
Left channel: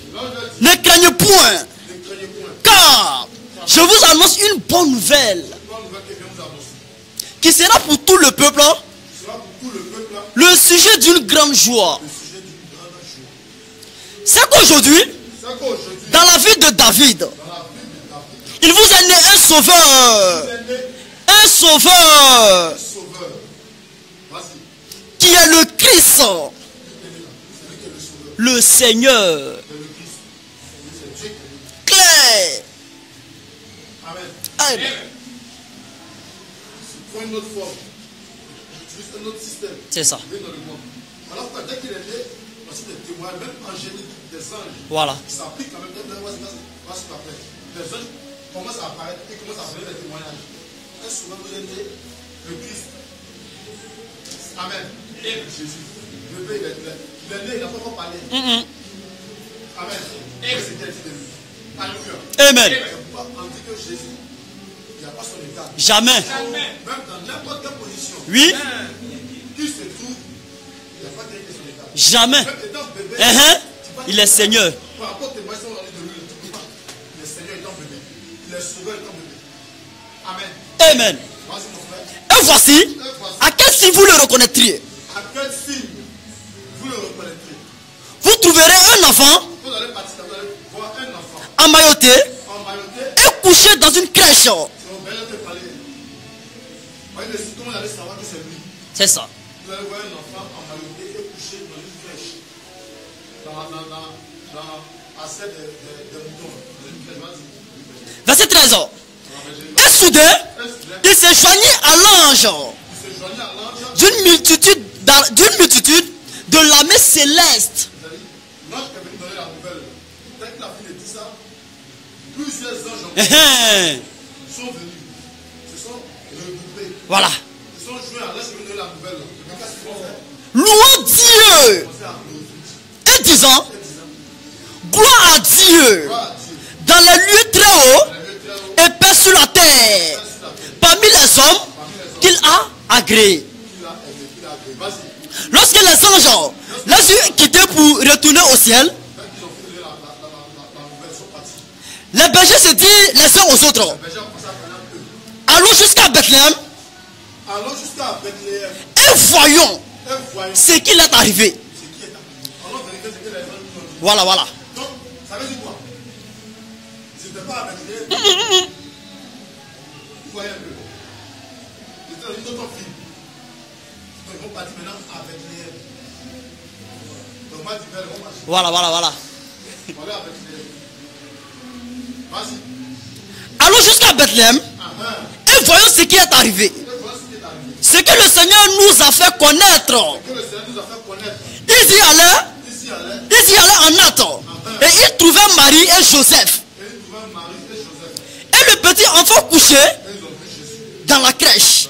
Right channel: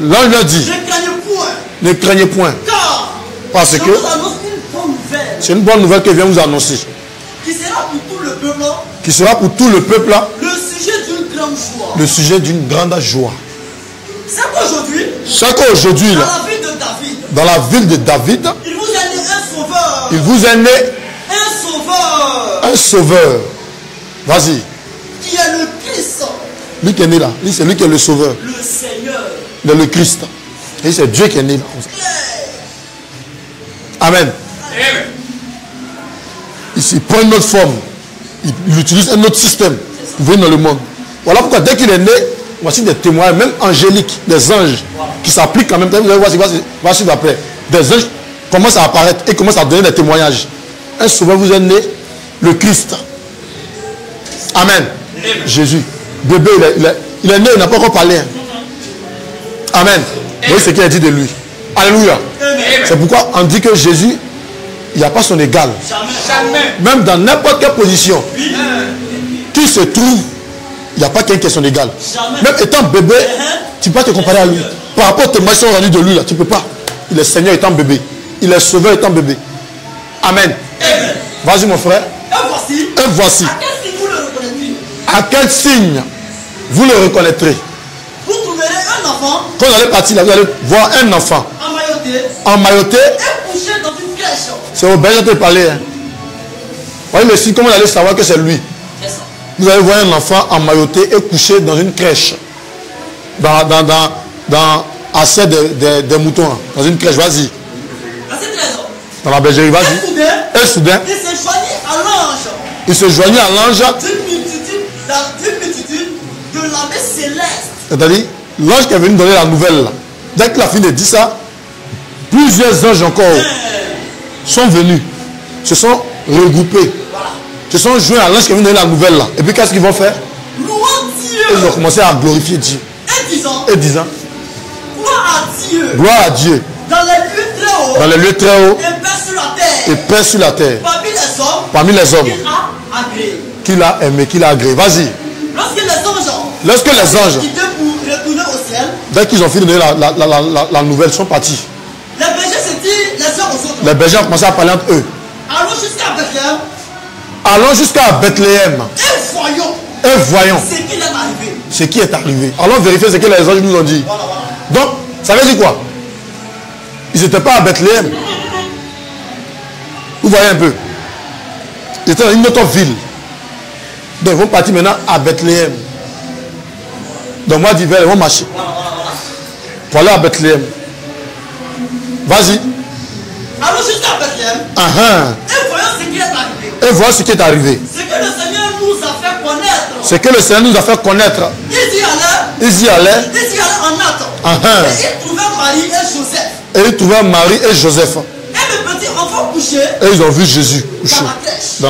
l'ange leur dit, ne craignez point. Ne craignez point. Car je vous annonce une bonne nouvelle. C'est une bonne nouvelle que je viens vous annoncer. Qui sera pour tout le peuple. Qui sera pour tout le peuple. Le sujet d'une grande joie. Le sujet d'une grande joie. C'est qu'aujourd'hui. Dans la ville de David. Dans la ville de David. Il vous est né un sauveur. Il vous est né un sauveur. Un sauveur. Vas-y. Qui est le Christ. Lui qui est né là. Lui, c'est lui qui est le sauveur. Le Seigneur. Le Christ. Et c'est Dieu qui est né là. Claire. Amen. Il prend une autre forme. Il utilise un autre système pour venir dans le monde. Voilà pourquoi dès qu'il est né, voici des témoins, même angéliques, des anges qui s'appliquent en même temps. Vous allez voir, voici après. Des anges commencent à apparaître et commencent à donner des témoignages. Un sauveur vous est né, le Christ. Amen. Jésus. Bébé, il est né, il n'a pas encore parlé. Amen. Voyez ce qu'il a dit de lui. Alléluia. C'est pourquoi on dit que Jésus, il n'y a pas son égal. Jamais. Même dans n'importe quelle position. Oui. Qui se trouve, il n'y a pas quelqu'un qui est son égal. Jamais. Même étant bébé, tu ne peux pas te comparer à lui. Par rapport aux témoignages rendus de lui, là, tu ne peux pas. Il est Seigneur étant bébé. Il est Sauveur étant bébé. Amen. Amen. Vas-y mon frère. Et voici. À quel signe vous le reconnaîtriez? À quel signe vous le reconnaîtrez? Vous trouverez un enfant. Quand vous allez partir là, vous allez voir un enfant. Emmailloté. Et couché dans une crèche. C'est au berger de parler. Hein. Voyez le signe, comment vous allez savoir que c'est lui? C'est ça. Vous allez voir un enfant emmailloté et couché dans une crèche. Assez des moutons. Hein. Dans une crèche, vas-y. Verset 13. Dans la bergerie, vas-y. Et soudain, il se joignit à l'ange. Il se joignit à l'ange d'une multitude de l'armée céleste. C'est-à-dire, l'ange qui est venu donner la nouvelle, là, dès qu'il a fini de dire ça, plusieurs anges encore sont venus, se sont regroupés. Voilà. Se sont joints à l'ange qui est venu donner la nouvelle là. Et puis qu'est-ce qu'ils vont faire? Louant Dieu. Ils vont commencer à glorifier Dieu. Et disant. Gloire à Dieu. Gloire à Dieu. Dans les lieux très hauts. Dans les lieux très hauts. Et paix sur la terre. Et paix sur la terre. Parmi les hommes. Qu'il a agréé. Qu'il a aimé, qu'il a agréé. Vas-y. Lorsque les anges quittés pour retourner au ciel. Dès qu'ils ont fini de donner la nouvelle, ils sont partis. Les bergers se disent les uns aux autres. Les bergers ont commencé à parler entre eux. Allons jusqu'à Bethléem. Allons jusqu'à Bethléem. Et voyons. Ce qui est arrivé. Ce qui est arrivé. Allons vérifier ce que les anges nous ont dit. Voilà. Donc, ça veut dire quoi? Ils n'étaient pas à Bethléem. Vous voyez un peu. Ils étaient dans une autre ville. Donc ils vont partir maintenant à Bethléem. Dans le mois d'hiver, ils vont marcher. Voilà. Pour aller à Bethléem. Vas-y. Allons jusqu'à Bethléem. Et voyons ce qui est arrivé. Ce que le Seigneur nous a fait connaître. Ils y allaient en Nathan. Et ils trouvaient Marie et Joseph. Et le petit enfant couché. Et ils ont vu Jésus. Dans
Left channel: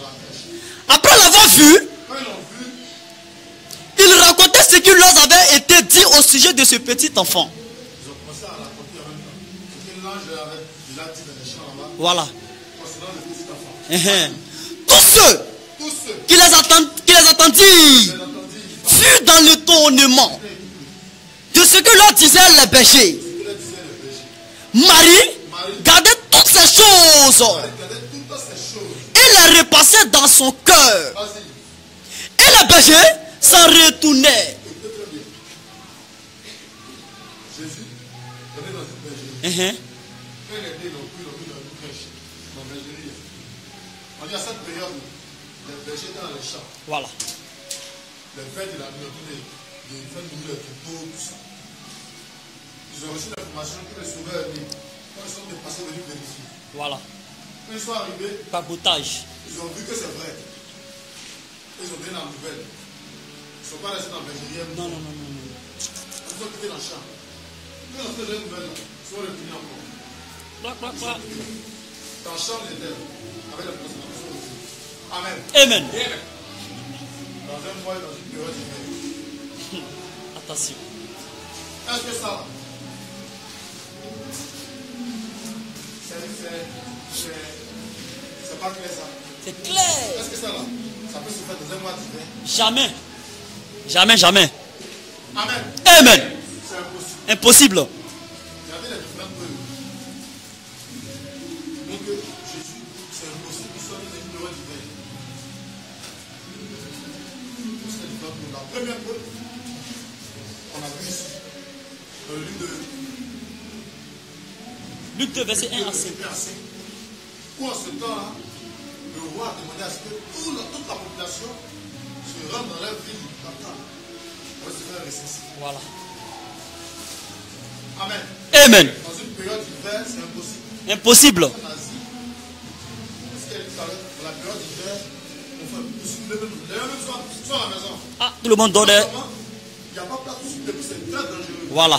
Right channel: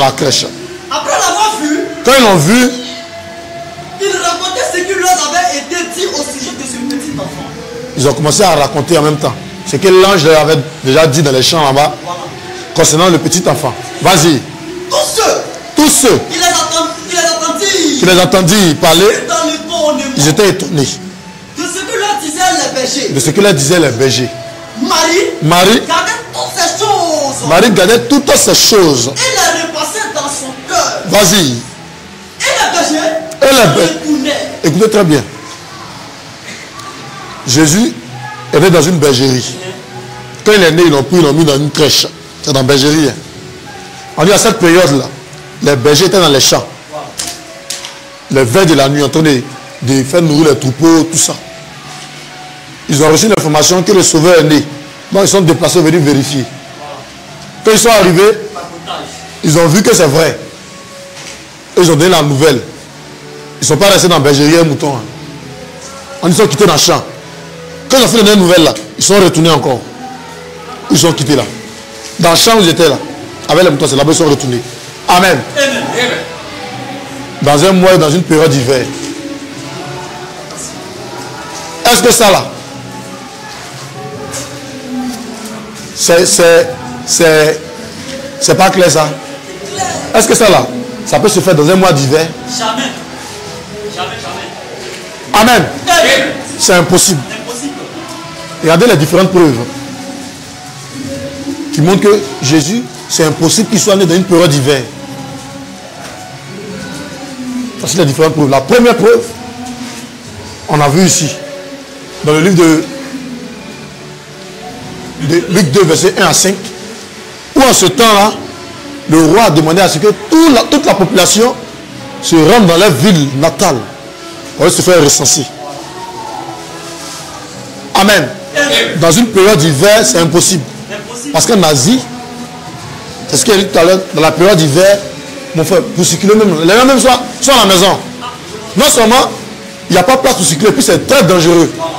la crèche. Après l'avoir vu. Quand ils l'ont vu. Ils racontaient ce qui leur avait été dit au sujet de ce petit enfant. Ils ont commencé à raconter en même temps. Ce que l'ange leur avait déjà dit dans les champs là-bas. Voilà. Concernant le petit enfant. Vas-y. Tous ceux qui les entendirent parler dans l'étonnement. Ils étaient étonnés. De ce que leur disaient les bergers. Marie gardait toutes ces choses. Et les repassait dans son cœur. Vas-y. Et les bergers s'en retournaient. Écoutez très bien. Jésus était dans une bergerie. Quand il est né, ils l'ont mis dans une crèche. C'est dans la bergerie. On dit à cette période-là, les bergers étaient dans les champs. Les veilles de la nuit, en train de faire nourrir les troupeaux, tout ça. Ils ont reçu l'information que le Sauveur est né. Donc ils sont déplacés, venus vérifier. Quand ils sont arrivés, ils ont vu que c'est vrai. Ils ont donné la nouvelle. Ils ne sont pas restés dans la bergerie un mouton. Ils sont quittés dans le champ. Quand ils ont fait la nouvelle là, ils sont retournés encore. Ils sont quittés là. Dans le champ où ils étaient là, avec les moutons, c'est là-bas ils sont retournés. Amen. Dans un mois, dans une période d'hiver. Est-ce que ça là, c'est pas clair ça? Est-ce que ça là, ça peut se faire dans un mois d'hiver? Jamais. Amen. C'est impossible. Regardez les différentes preuves qui montrent que Jésus, c'est impossible qu'il soit né dans une période d'hiver. Voici les différentes preuves. La première preuve, on a vu ici, dans le livre de Luc 2, verset 1 à 5, où en ce temps-là, le roi a demandé à ce que toute la population se rende dans leur ville natale pour se faire recenser. Amen. Dans une période d'hiver, c'est impossible. Parce qu'en Asie, c'est ce qu'il a dit tout à l'heure, dans la période d'hiver, mon frère, pour circuler même, les gens même sont à la maison. Non seulement, il n'y a pas de place pour circuler, puis c'est très dangereux. Voilà.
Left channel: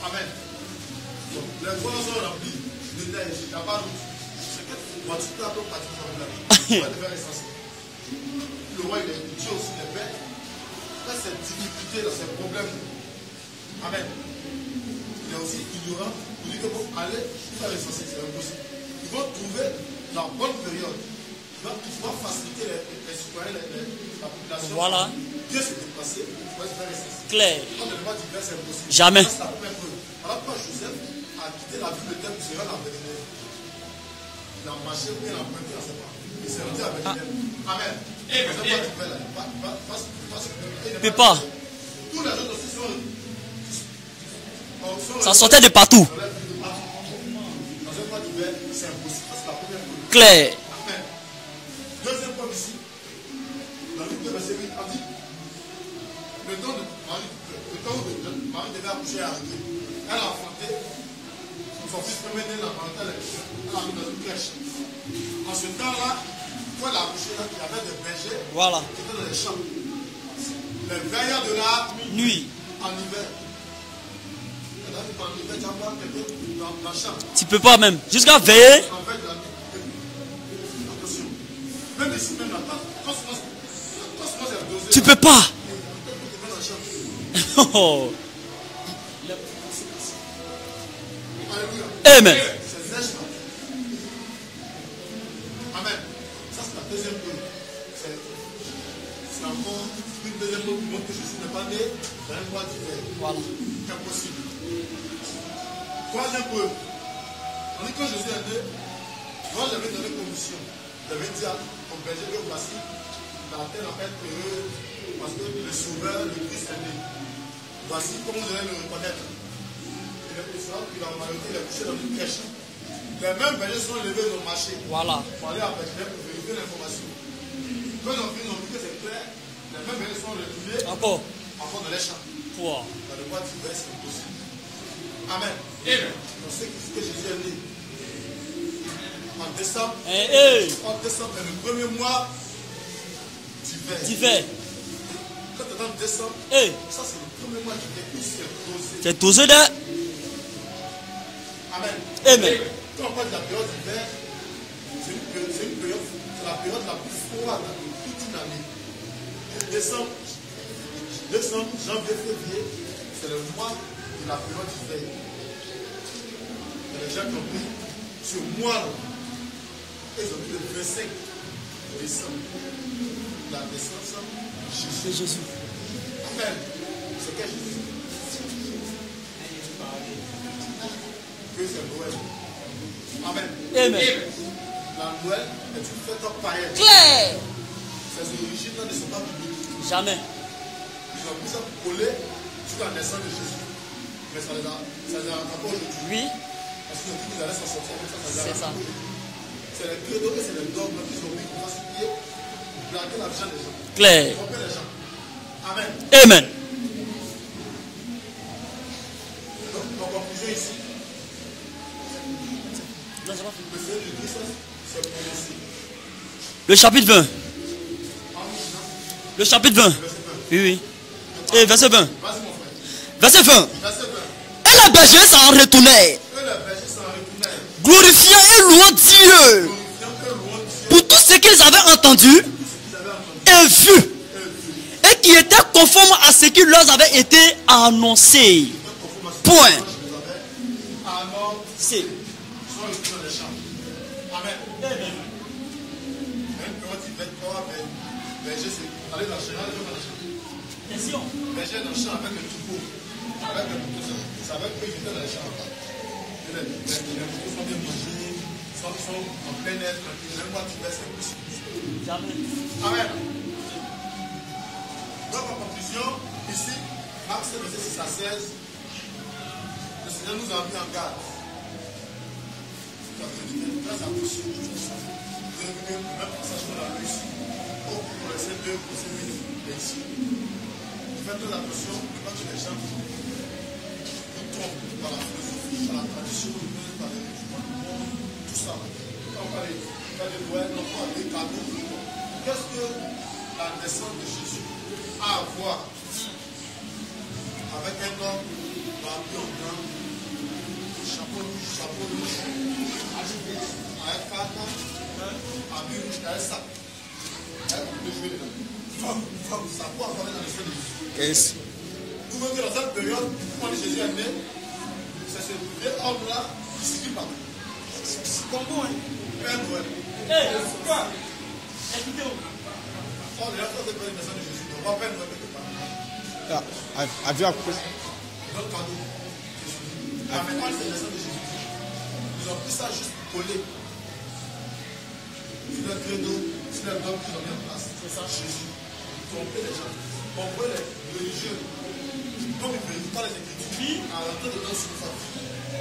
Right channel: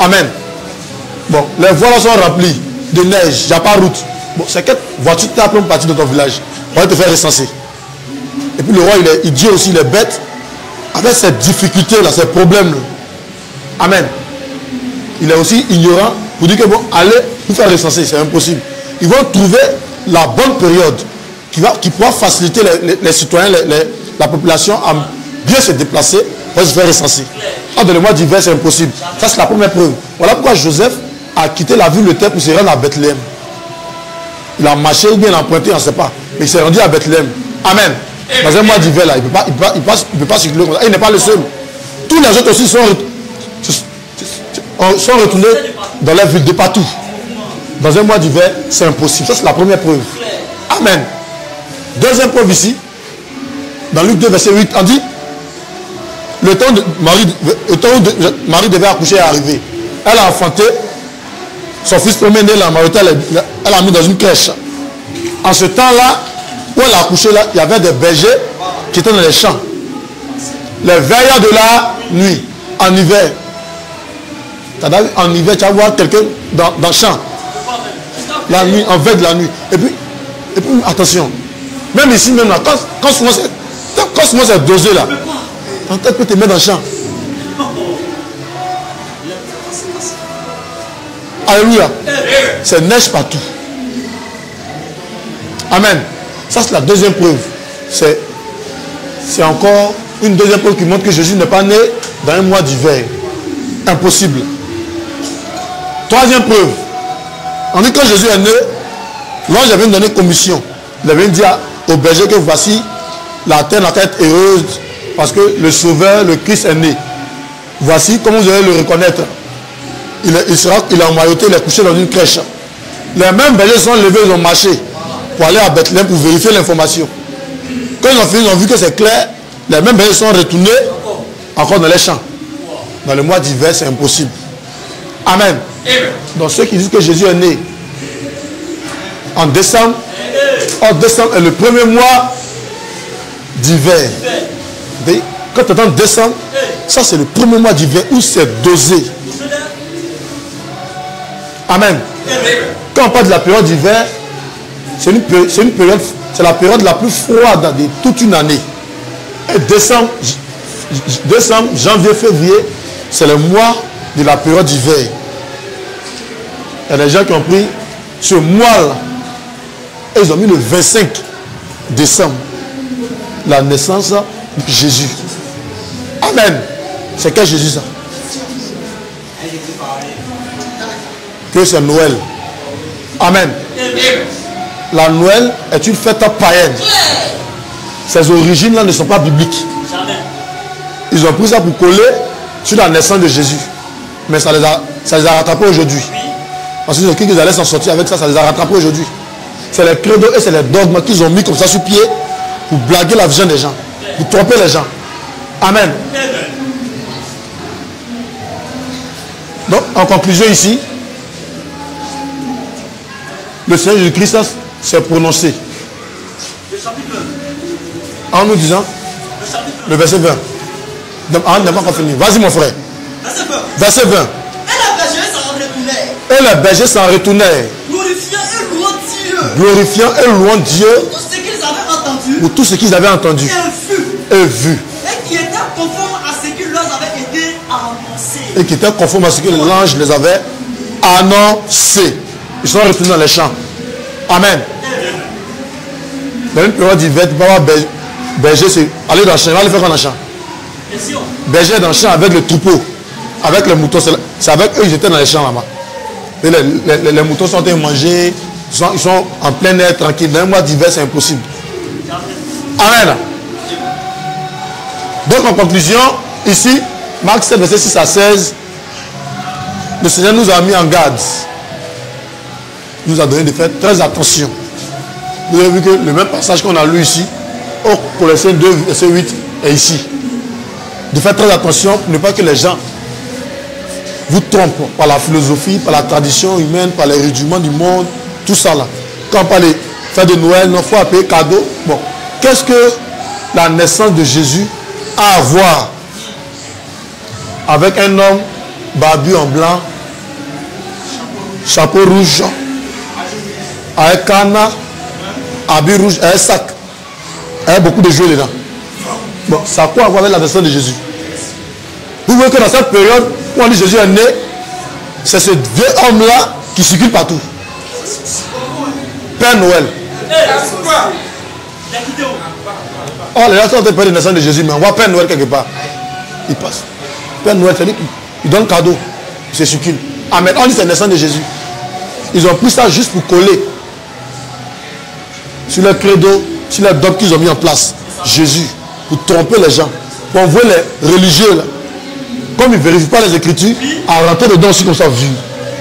Amen. Bon, les voies là sont remplies de neige, il n'y a pas de route. Bon, c'est quelle voiture tu as pour partir de ton village. On va te faire recenser. Et puis le roi, il dit aussi les bêtes, avec ces difficultés là, ces problèmes là. Amen. Il est aussi ignorant pour dire que bon, allez vous faire recenser, c'est impossible. Ils vont trouver la bonne période qui pourra faciliter les citoyens, la population à bien se déplacer pour se faire recenser. Dans le mois d'hiver, c'est impossible. Jamais. Ça, c'est la première preuve. Voilà pourquoi Joseph a quitté la ville de terre pour se rendre à Bethléem. Il a marché ou bien il a emprunté, on ne sait pas. Mais il s'est rendu à Bethléem. Amen. Dans un mois d'hiver, là, il ne peut pas circuler comme ça. Il n'est pas le seul. Tous les autres aussi sont retournés de partout. Dans la ville de partout. Dans un mois d'hiver, c'est impossible. Ça, c'est la première preuve. Claire. Amen. Deuxième preuve ici, dans Luc 2, verset 8, on dit le temps où Marie devait accoucher est arrivé. Elle a enfanté. Son fils premier né, la Marthe, elle l'a mis dans une crèche. En ce temps-là, où elle a accouché, là, il y avait des bergers qui étaient dans les champs. Les veilleurs de la nuit, en hiver. En hiver, tu vas voir quelqu'un dans le champ. Tu peux pas même. Jusqu'à veille. La nuit, en veille de la nuit. Et puis attention. Même ici, même là, quand souvent c'est dosé là. Tu peux pas. Quand elle peut te mettre dans le champ. Alléluia. C'est neige partout. Amen. Ça, c'est la deuxième preuve. C'est encore une deuxième preuve qui montre que Jésus n'est pas né dans un mois d'hiver. Impossible. Troisième preuve. On dit que quand Jésus est né, l'ange avait donné commission. Il avait dit au berger que voici, la terre n'a qu'à être heureuse parce que le Sauveur, le Christ est né. Voici comment vous allez le reconnaître. Il est emmailloté, il est couché dans une crèche. Les mêmes bergers sont levés, ils ont marché pour aller à Bethléem pour vérifier l'information. Quand ils ont fini, ils ont vu que c'est clair. Les mêmes bergers sont retournés encore dans les champs. Dans le mois d'hiver, c'est impossible. Amen. Donc ceux qui disent que Jésus est né en décembre, décembre est le premier mois d'hiver. Quand tu entends décembre, ça c'est le premier mois d'hiver où c'est dosé. Amen. Quand on parle de la période d'hiver, c'est la période la plus froide de toute une année. Et décembre, janvier, février, c'est le mois de la période d'hiver. Il y a des gens qui ont pris ce mois-là et ils ont mis le 25 décembre, la naissance de Jésus. Amen. C'est quel Jésus ça? Que c'est Noël. Amen. La Noël est une fête païenne. Ses origines là ne sont pas bibliques. Ils ont pris ça pour coller sur la naissance de Jésus. Mais ça les a rattrapés aujourd'hui. Parce qu'ils ont cru qu'ils allaient s'en sortir avec ça, ça les a rattrapés aujourd'hui. C'est les credos et c'est les dogmes qu'ils ont mis comme ça sur pied pour blaguer la vision des gens. Pour tromper les gens. Amen. Amen. Donc, en conclusion ici, le Seigneur Jésus-Christ s'est prononcé. Le chapitre 20. En nous disant. Le chapitre 20. Le verset 20. Oui, oui. Vas-y mon frère. Verset 20. Verset 20. Et les bergers s'en retournèrent. Et les bergers s'en retournèrent. Glorifiant et louant Dieu. Glorifiant et louant Dieu. Pour tout ce qu'ils avaient entendu. Pour tout ce qu'ils avaient entendu. Et vu. Et qui était conforme à ce qui leur avait été annoncé. Et qui était conforme à ce que l'ange les avait annoncé. Ils sont retournés dans les champs. Amen. Dans une période d'hiver, tu peux avoir berger, c'est aller dans le champ. Il va aller faire quoi dans le champ? Berger dans le champ avec le troupeau, avec les moutons. C'est avec eux ils étaient dans les champs là-bas. Et les moutons sont en train de manger. Ils sont en plein air, tranquille. Dans un mois d'hiver, c'est impossible. Amen. Donc en conclusion, ici, Marc 7, verset 6 à 16, le Seigneur nous a mis en garde. Il nous a donné de faire très attention. Vous avez vu que le même passage qu'on a lu ici, au Colossiens 2, verset 8, est ici. De faire très attention pour ne pas que les gens vous trompent par la philosophie, par la tradition humaine, par les rudiments du monde, tout ça là. Quand on parle de fête de Noël, il faut appeler cadeau. Bon, qu'est-ce que la naissance de Jésus a à voir avec un homme barbu en blanc, chapeau rouge, avec canard, habit rouge, un sac, avec beaucoup de jouets dedans. Bon, ça a quoi à voir avec la naissance de Jésus? Vous voyez que dans cette période où on dit Jésus est né, c'est ce vieux homme-là qui circule partout. Père Noël. Oh, les gens sont en train de parler de la naissance de Jésus, mais on voit Père Noël quelque part. Il passe. Père Noël, c'est-à-dire qu'il donne cadeau. C'est circule. Amen. On dit c'est la naissance de Jésus. Ils ont pris ça juste pour coller sur le credo, sur les dogmes qu'ils ont mis en place. Jésus, pour tromper les gens. Pour envoyer les religieux, là, comme ils ne vérifient pas les Écritures, à rentrer dedans aussi comme ça, vu.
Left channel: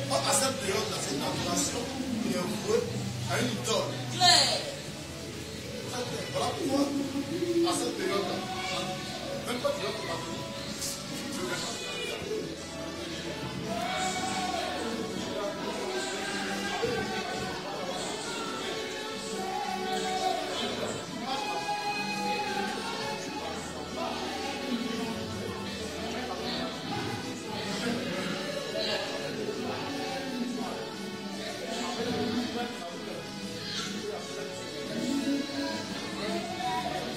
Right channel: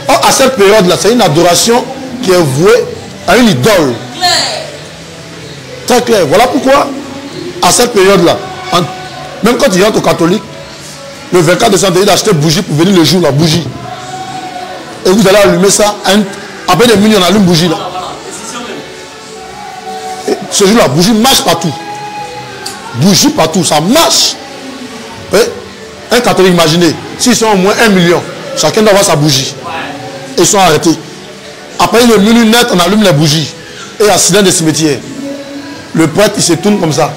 Or, à cette période-là, c'est une adoration qui est vouée à une idole. Très clair. Voilà pourquoi, à cette période-là, même quand ils rentrent aux catholiques, le 24 décembre, ils achètent bougie pour venir le jour, la bougie. Et vous allez allumer ça, après des minutes, on allume bougie là. Et ce jour, la bougie marche partout. Bougie partout, ça marche. Et un catholique, imaginez, s'ils sont au moins 1 million, chacun doit avoir sa bougie. Et ils sont arrêtés. Après une minute net, on allume les bougies. Et accident de cimetière. Le prêtre, il se tourne comme ça.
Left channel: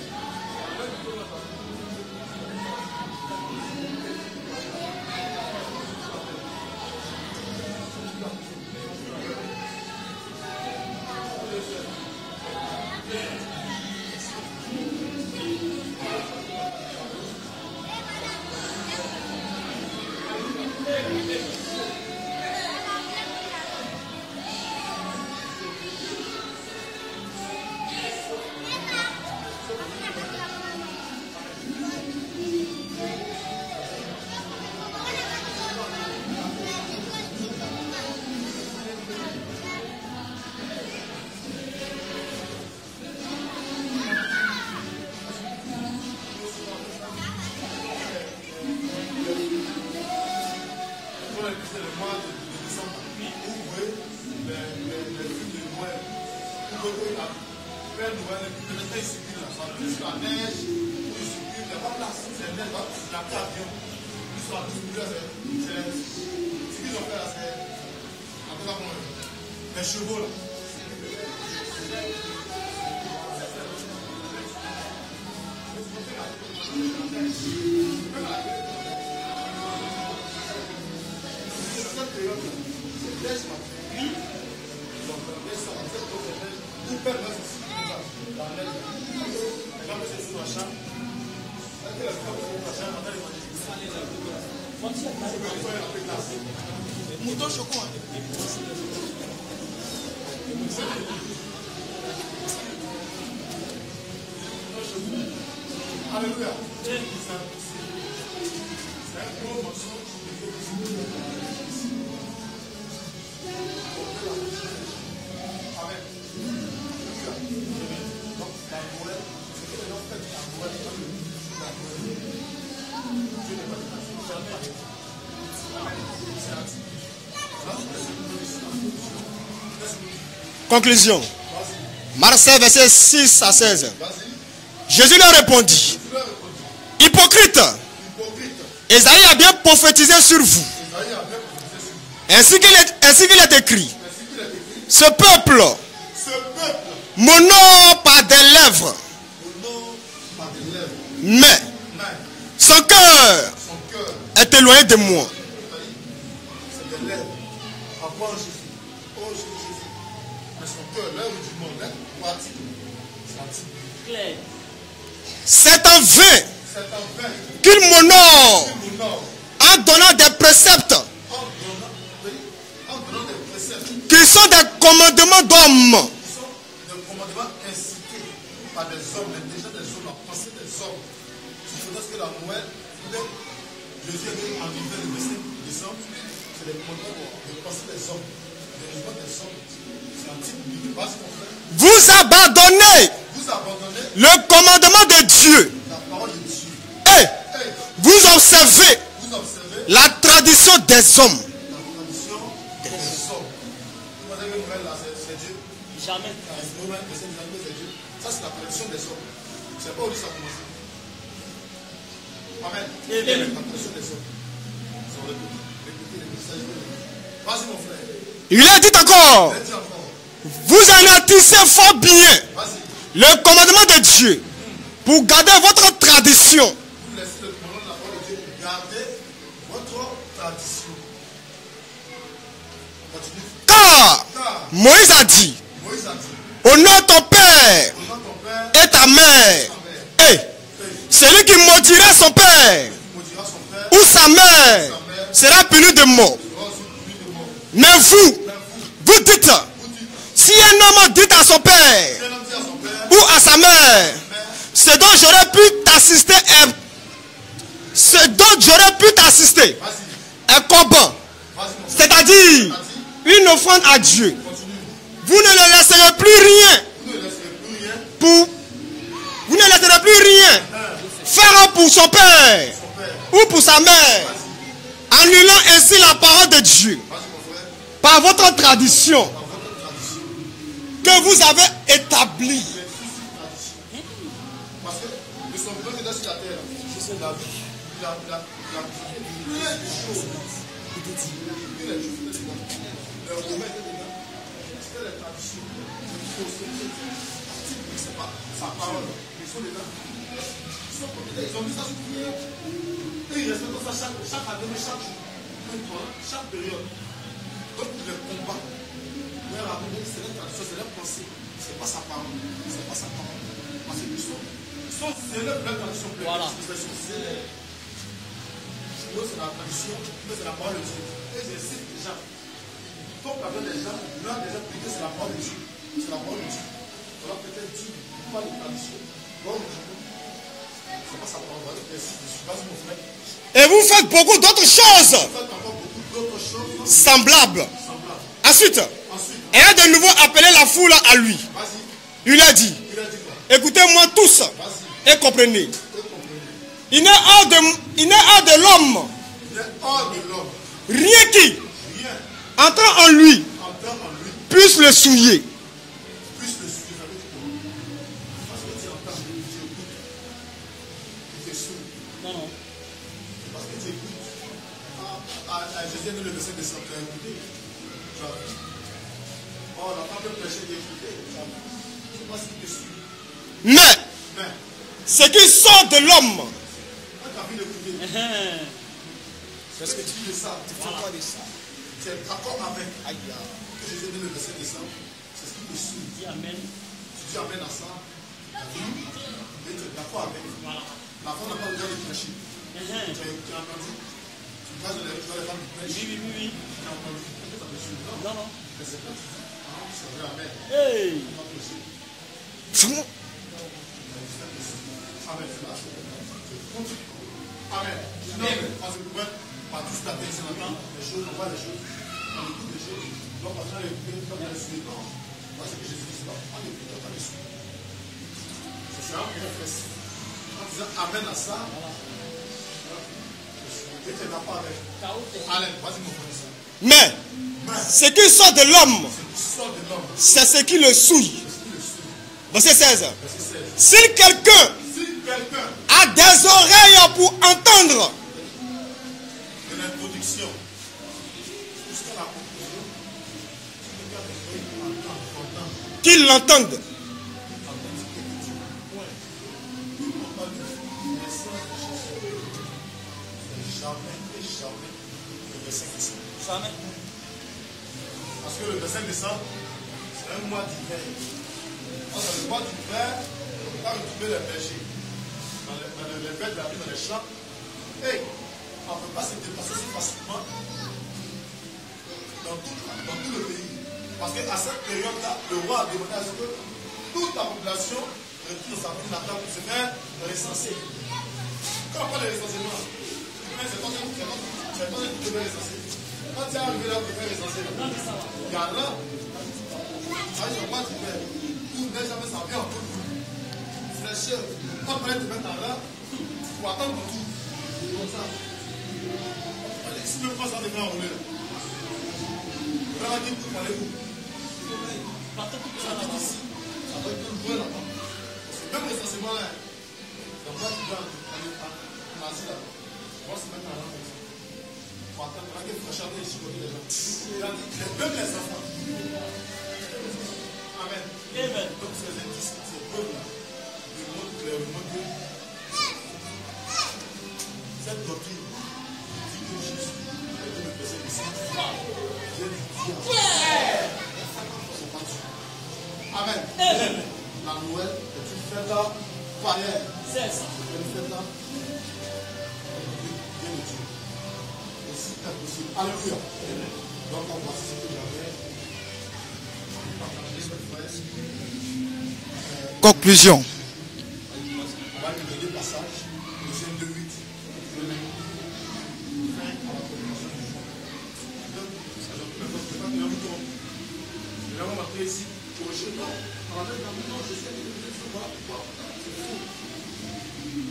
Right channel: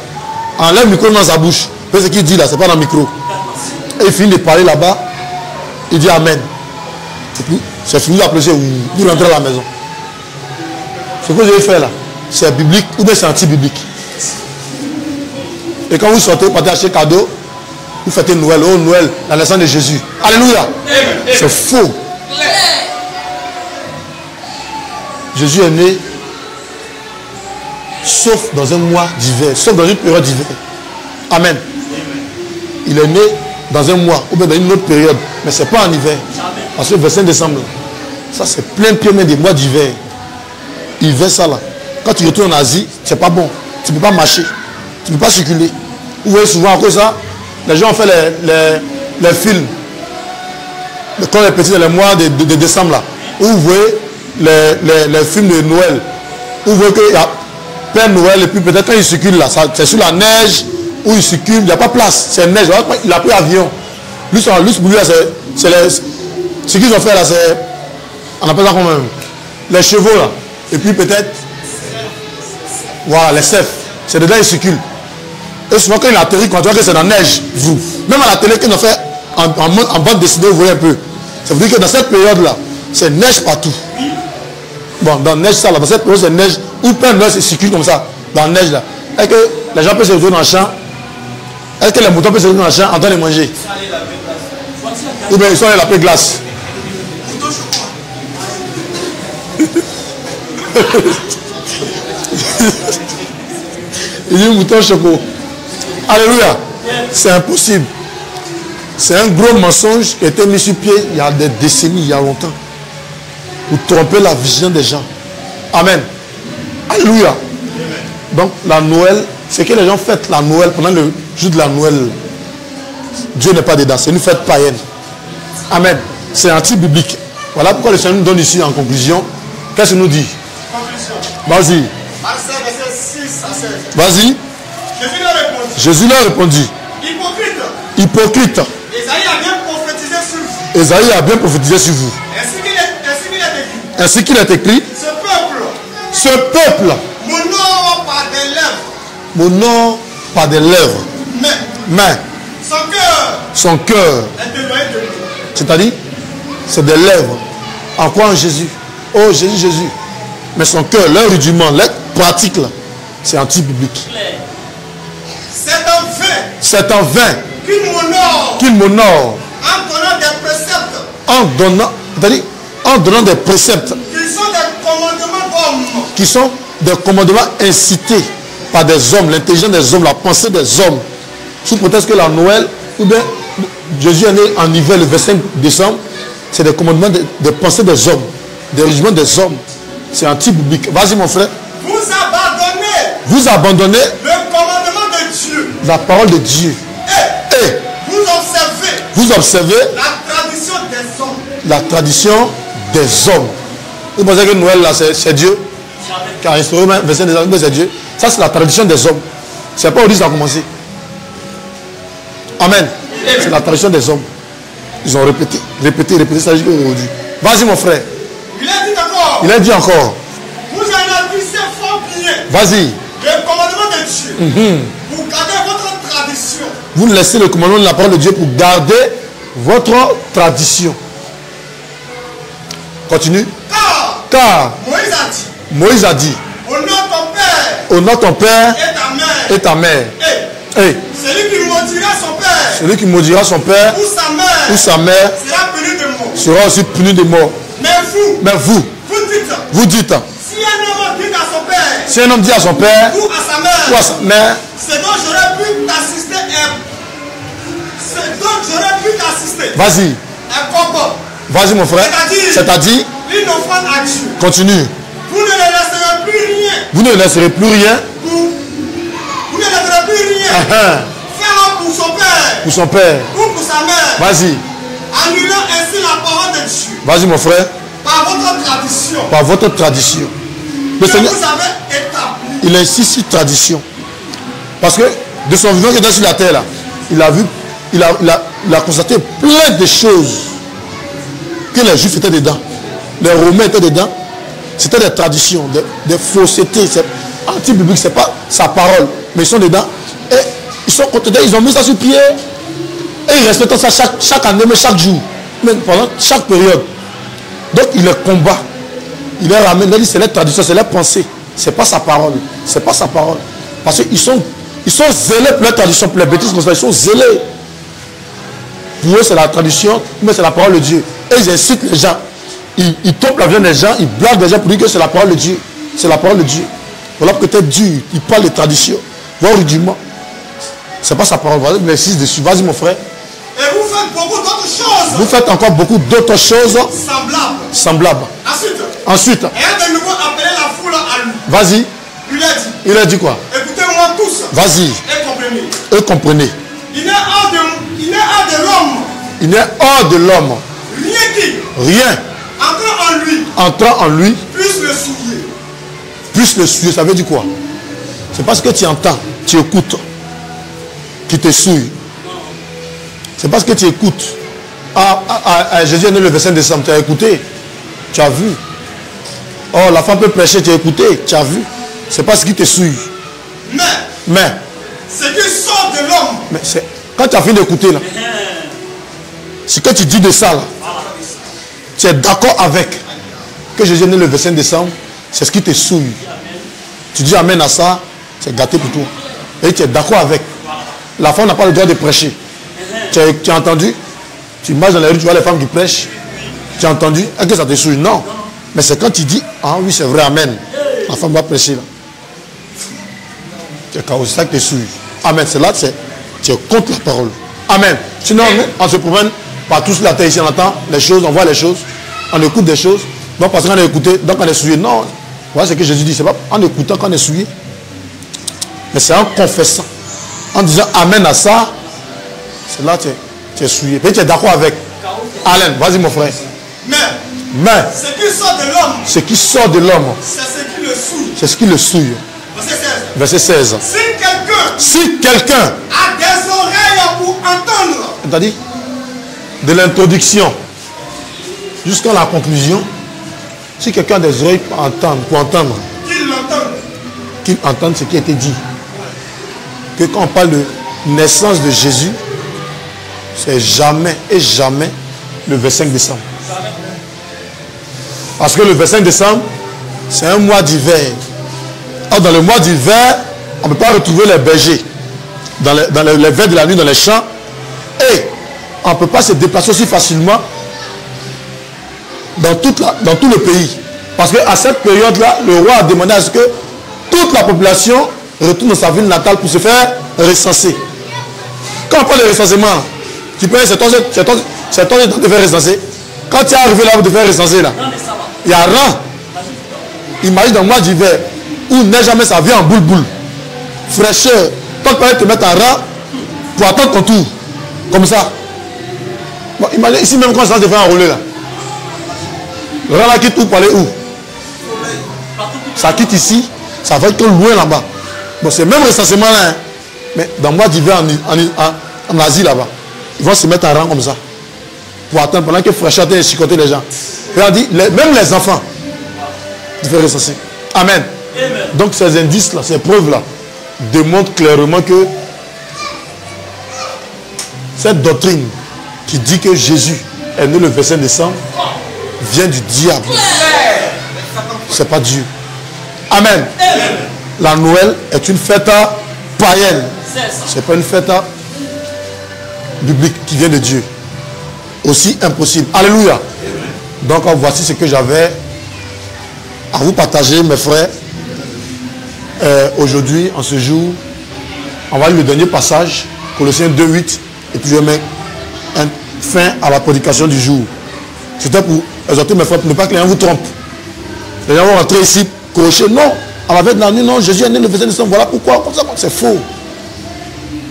Enlève le micro dans sa bouche. Parce que ce qu'il dit là, c'est pas dans le micro. Et il finit de parler là-bas. Il dit Amen. Et puis, c'est fini d'applaudir. Vous rentrez à la maison. Ce que vous avez fait là, c'est biblique ou bien c'est anti-biblique. Et quand vous sortez, vous partez acheter cadeau, vous fêtez Noël. Oh Noël, la naissance de Jésus. Alléluia. C'est faux. Jésus est né sauf dans un mois d'hiver, sauf dans une période d'hiver. Amen. Il est né dans un mois ou bien dans une autre période, mais ce n'est pas en hiver. Parce que le 25 décembre, ça c'est plein pied même des mois d'hiver. Hiver, ça là. Quand tu retournes en Asie, c'est pas bon. Tu ne peux pas marcher, tu ne peux pas circuler. Vous voyez souvent à cause de ça, les gens ont fait les films. Quand les petits dans les mois de décembre là, où vous voyez les films de Noël, où vous voyez qu'il y a Père Noël et puis peut-être quand il circule là, c'est sur la neige où il circule, il n'y a pas place, c'est neige, il a pris avion. Lui, pour lui, c'est ce qu'ils ont fait là, c'est, on appelle ça comment même, les chevaux là, et puis peut-être, voilà, les cèpes, c'est dedans il circule. Et souvent quand il atterrit, quand tu vois que c'est dans la neige, vous, même à la télé qu'ils ont fait en bande dessinée, vous voyez un peu. Ça veut dire que dans cette période là, c'est neige partout. Bon, dans la neige, ça là, dans cette période, c'est neige, où Père Noël se circule comme ça, dans la neige là. Est-ce que les gens peuvent se retrouver dans le champ? Est-ce que les moutons peuvent se retrouver dans le champ en train de manger? Ou bien ils sont allés laver glace. Il dit mouton choco. Alléluia. C'est impossible. C'est un gros mensonge qui a été mis sur pied il y a des décennies, il y a longtemps. Pour tromper la vision des gens. Amen. Alléluia. Donc la Noël, c'est que les gens fêtent la Noël pendant le jour de la Noël. Dieu n'est pas dedans, c'est une fête païenne. Amen. C'est anti-biblique. Voilà pourquoi le Seigneur nous donne ici en conclusion. Qu'est-ce qu'il nous dit? Conclusion. Vas-y. Marc 16, verset 6 à 16. Vas-y. Jésus leur répondit. Jésus leur répondit. Hypocrite. Hypocrite. Esaïe a bien prophétisé sur vous. Esaïe a bien prophétisé sur vous. Ainsi qu'il est écrit. Ainsi qu'il est écrit. Ce peuple. M'honore par des lèvres. M'honore par des lèvres. Mais. Son cœur. Est éloigné de moi. C'est-à-dire, c'est des lèvres. En quoi en Jésus? Oh Jésus, Jésus. Mais son cœur, leur rudiment, leur pratique là, c'est anti-biblique. C'est en vain qu'il m'honore en donnant des préceptes. En donnant des préceptes qui sont des commandements d'hommes. Qui sont des commandements incités par des hommes, l'intelligence des hommes, la pensée des hommes. Sous prétexte que la Noël, ou bien Jésus est né en hiver le 25 décembre, c'est des commandements de pensée des hommes, des régiments des hommes. C'est anti-biblique. Vas-y mon frère. Vous abandonnez le commandement de Dieu. La parole de Dieu. Et vous observez la tradition des hommes. La tradition des hommes. Vous pensez que Noël là c'est Dieu qui a instauré même 25 décembre, c'est Dieu. Ça c'est la tradition des hommes. C'est pas aujourd'hui que ça a commencé. Amen. C'est la tradition des hommes. Ils ont répété, ça jusqu'à aujourd'hui. Vas-y mon frère. Il a dit encore. Vous anéantissez fort bien. Vas-y. Le commandement de Dieu. Pour garder votre tradition. Vous laissez le commandement de la parole de Dieu pour garder votre tradition. Continue. Car Moïse a dit. Honore ton père. Honore ton père. Et ta mère. Et ta mère. Celui qui maudira son père. Celui qui maudira son père. Ou sa mère. Ou sa mère. Sera puni de mort. Sera aussi puni de mort. Mais vous. Vous dites. Si un homme dit à son père. Si un homme dit à son père. Ou à sa mère. Ou à sa mère. C'est dont j'aurais pu t'assister. C'est dont j'aurais pu t'assister. Vas-y. Un combat. Vas-y mon frère. C'est-à-dire une offrande à Dieu. Continue. Vous ne le laisserez plus rien. Vous ne laisserez plus rien. Vous ne laisserez plus rien. Faire pour son père. Pour son père. Ou pour sa mère. Vas-y. Annulant ainsi la parole de Dieu. Vas-y mon frère. Par votre tradition. Par votre tradition. Que vous avez établi. Il a ici tradition. Parce que de son vivant qui était sur la terre là, il a vu, il a constaté plein de choses que les Juifs étaient dedans. Les Romains étaient dedans. C'était des traditions, des faussetés. Anti-biblique, c'est pas sa parole. Mais ils sont dedans. Et ils sont contentés, ils ont mis ça sur pied. Et ils respectent ça chaque année, mais chaque jour. Même pendant chaque période. Donc il les combat. Il les ramène. Il dit c'est les traditions, c'est les pensées. C'est pas sa parole. C'est pas sa parole. Parce qu'ils sont zélés pour les traditions, pour les bêtises comme ça. Ils sont zélés. Pour eux, c'est la tradition, mais c'est la parole de Dieu. Et ils incitent les gens. Ils tombent la viande des gens, ils blaguent les gens pour dire que c'est la parole de Dieu. C'est la parole de Dieu. Voilà peut-être dur. Il parle de tradition. Voir rudiment. C'est pas sa parole. Voilà l'exercice dessus. Vas-y mon frère. Et vous faites beaucoup d'autres choses. Vous faites encore beaucoup d'autres choses. Semblables. Ensuite. Et a de nouveau appelé la foule à lui. Vas-y. Il a dit quoi? Écoutez-moi tous. Vas-y. Et comprenez. Il n'est hors de l'homme. Rien. Entrant en lui. Puisse le souiller. Ça veut dire quoi? C'est parce que tu entends, tu écoutes, qui te souille. C'est parce que tu écoutes. Jésus est né le 25 décembre, tu as écouté, tu as vu. Oh, la femme peut prêcher, tu as écouté, tu as vu. C'est pas ce qui te souille. Mais ce qui sort de l'homme. Mais quand tu as fini d'écouter là, ce que tu dis de ça là, tu es d'accord avec que Jésus est né le 25 décembre, c'est ce qui te souille. Tu dis amen à ça, c'est gâté pour toi. Et tu es d'accord avec. La femme n'a pas le droit de prêcher. Tu as entendu? Tu marches dans la rue, tu vois les femmes qui prêchent. Tu as entendu? Est-ce que ça te souille? Non. Mais c'est quand tu dis, ah oui, c'est vrai, amen. La femme va prêcher là. C'est ça qui te souille. Amen. C'est là que tu es contre la parole. Amen. Sinon, nous, on se promène partout sur la terre ici, on entend les choses, on voit les choses, on écoute des choses. Donc parce qu'on a écouté, donc on est souillé. Non. Voilà ce que Jésus dit. C'est pas en écoutant qu'on est souillé. Mais c'est en confessant. En disant amen à ça. C'est là que tu es souillé. Et tu es d'accord avec. Alain, vas-y mon frère. Mais ce qui sort de l'homme. Ce qui sort de l'homme. C'est ce qui le souille. C'est ce qui le souille. Verset 16. Si quelqu'un a des oreilles pour entendre. C'est-à-dire de l'introduction jusqu'à la conclusion. Si quelqu'un a des oreilles pour entendre. Qu'il l'entende. Qu'il entende ce qui a été dit. Que quand on parle de naissance de Jésus, c'est jamais et jamais le 25 décembre. Parce que le 25 décembre, c'est un mois d'hiver. Or, dans le mois d'hiver, on ne peut pas retrouver les bergers dans les veilles de la nuit dans les champs. Et on ne peut pas se déplacer aussi facilement dans tout le pays. Parce qu'à cette période-là, le roi a demandé à ce que toute la population retourne dans sa ville natale pour se faire recenser. Quand on parle de recensement, tu peux c'est ton temps de faire recenser. Quand tu es arrivé là pour te faire recenser, là, il y a rang. Imagine dans le mois d'hiver où il neige jamais, ça vient en boule-boule. Fraîcheur. Toi, tu peux te mettre en rang pour attendre ton tour. Comme ça. Bon, imagine ici même quand ça se fait enrouler là. Le rang là quitte où pour aller où? Ça quitte ici, ça va être loin là-bas. Bon, c'est même recensement là. Hein. Mais dans le mois d'hiver en Asie là-bas, ils vont se mettre en rang comme ça. Pour attendre pendant que fraîcheur est chicoté les gens. Et on dit, même les enfants, ils vont recenser. Amen. Donc ces indices-là, ces preuves-là, démontrent clairement que cette doctrine qui dit que Jésus est né le 25 décembre vient du diable. C'est pas Dieu. Amen. La Noël est une fête païenne. C'est pas une fête biblique qui vient de Dieu. Aussi impossible. Alléluia. Donc voici ce que j'avais à vous partager, mes frères. Aujourd'hui, en ce jour, on va lire le dernier passage, Colossiens 2:8, et puis je mets fin à la prédication du jour. C'était pour exhorter mes frères, pour ne pas que les gens vous trompent. Les gens vont rentrer ici, crocher. Non, à la veille de la nuit, non, Jésus est né le 25 décembre. Voilà pourquoi. Comme ça, c'est faux.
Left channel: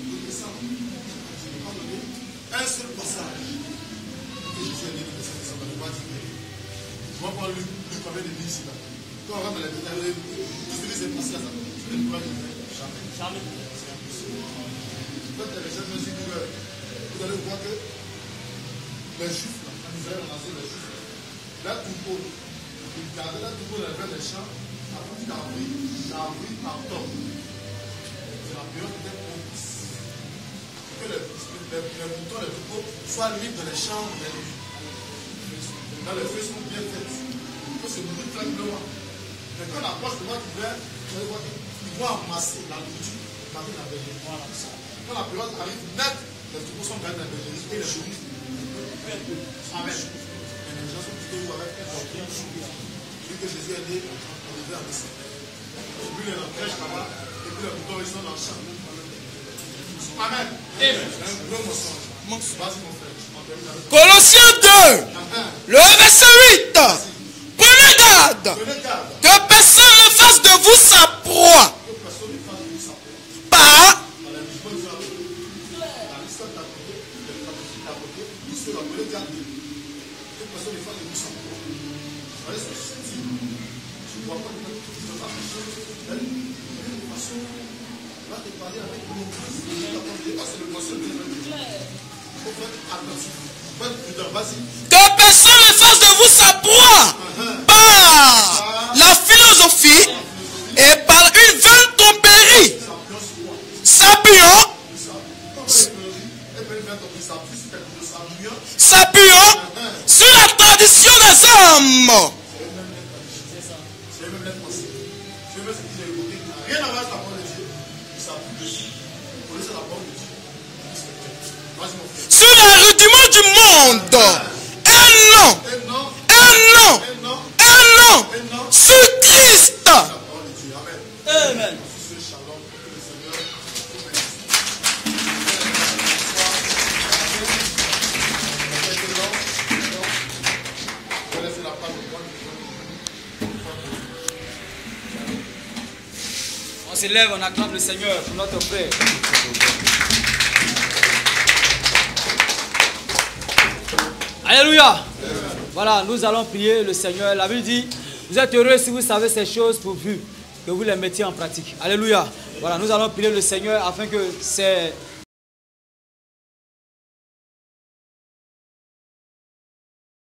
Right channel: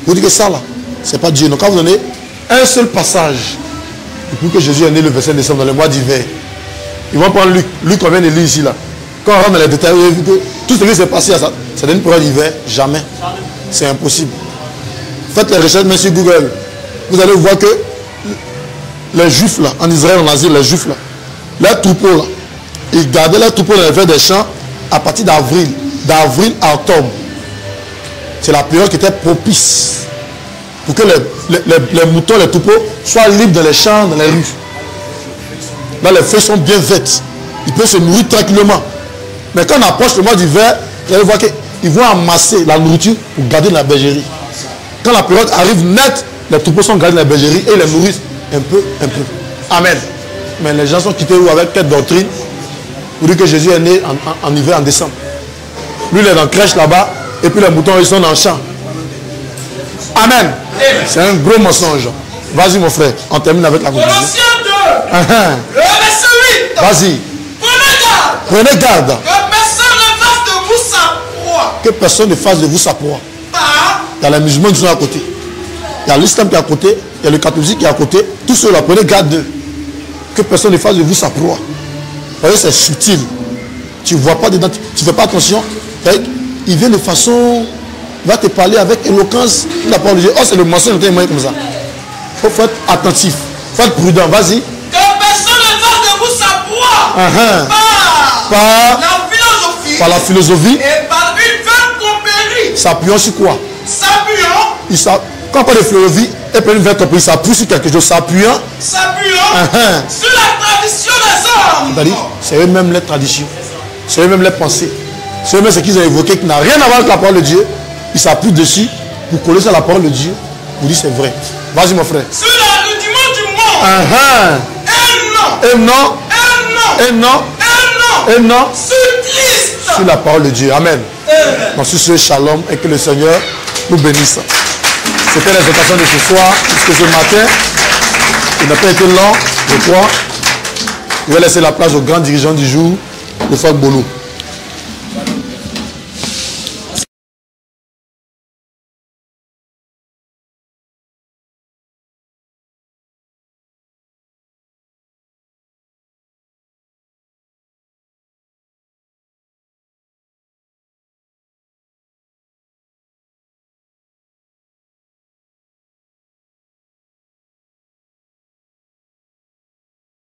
Vous dites que ça, là, c'est pas Dieu. Donc, quand vous donnez un seul passage, depuis que Jésus est né le 25 décembre, dans le mois d'hiver, ils vont prendre Luc. Luc, on vient de lire ici, là. Quand on rentre dans les détails, vous avez vu que tout ce qui s'est passé, ça donne une période d'hiver. Jamais. C'est impossible. Faites les recherches, même sur Google. Vous allez voir que les Juifs, là, en Israël, en Asie, les Juifs, là, leurs troupeaux, là, ils gardaient leurs troupeaux dans les verts des champs à partir d'avril. D'avril à octobre. C'est la période qui était propice pour que les moutons, les troupeaux soient libres dans les champs, dans les rues. Là, les feuilles sont bien vertes. Ils peuvent se nourrir tranquillement. Mais quand on approche le mois d'hiver, vous allez voir qu'ils vont amasser la nourriture pour garder dans la bergerie. Quand la période arrive nette, les troupeaux sont gardés dans la bergerie et les nourrissent un peu. Amen. Mais les gens sont quittés avec quelle doctrine? Pour dire que Jésus est né en hiver, en décembre. Lui, il est dans la crèche là-bas, et puis les moutons, ils sont dans le champ. Amen. C'est un gros mensonge. Vas-y, mon frère, on termine avec la Colossiens 2, le verset 8. Vas-y. Prenez garde. Que personne ne fasse de vous sa proie. Que personne ne fasse de vous sa proie. Il y a les musulmans qui sont à côté. Il y a l'islam qui est à côté. Il y a le catholique qui est à côté. Tous ceux-là, prenez garde d'eux. Que personne ne fasse de vous sa proie. Vous voyez, c'est subtil. Tu ne vois pas dedans. Tu ne fais pas attention. Il vient de façon... Il va te parler avec éloquence. Il n'a pas obligé. Oh, c'est le mensonge comme ça. Il faut être attentif. Il faut être prudent. Vas-y. Que personne ne fasse de vous sa proie. Par la philosophie. Et par une vaine tromperie. S'appuyant sur quoi? S'appuyant. Quand on parle de philosophie, et puis une vaine tromperie, s'appuie sur quelque chose. S'appuyant. Sur la tradition des hommes. C'est eux-mêmes les traditions. C'est eux-mêmes les pensées. C'est eux-mêmes ce qu'ils ont évoqué qui n'a rien à voir avec la parole de Dieu. Ils s'appuient dessus pour coller sur la parole de Dieu. Pour dire c'est vrai. Vas-y, mon frère. Sur les rudiments du monde. Et non. Sur Christ. Sur la parole de Dieu. Amen. Donc sur ce shalom et que le Seigneur nous bénisse. C'était l'exhortation de ce soir. Puisque ce matin, il n'a pas été long, je crois. Je vais laisser la place au grand dirigeant du jour, le frère Bolo. On s'élève, on acclame le Seigneur pour notre frère. Alléluia. Voilà, nous allons prier le Seigneur. La Bible dit, vous êtes heureux si vous savez ces choses pourvu que vous les mettiez en pratique. Alléluia. Voilà, nous allons prier le Seigneur afin que ces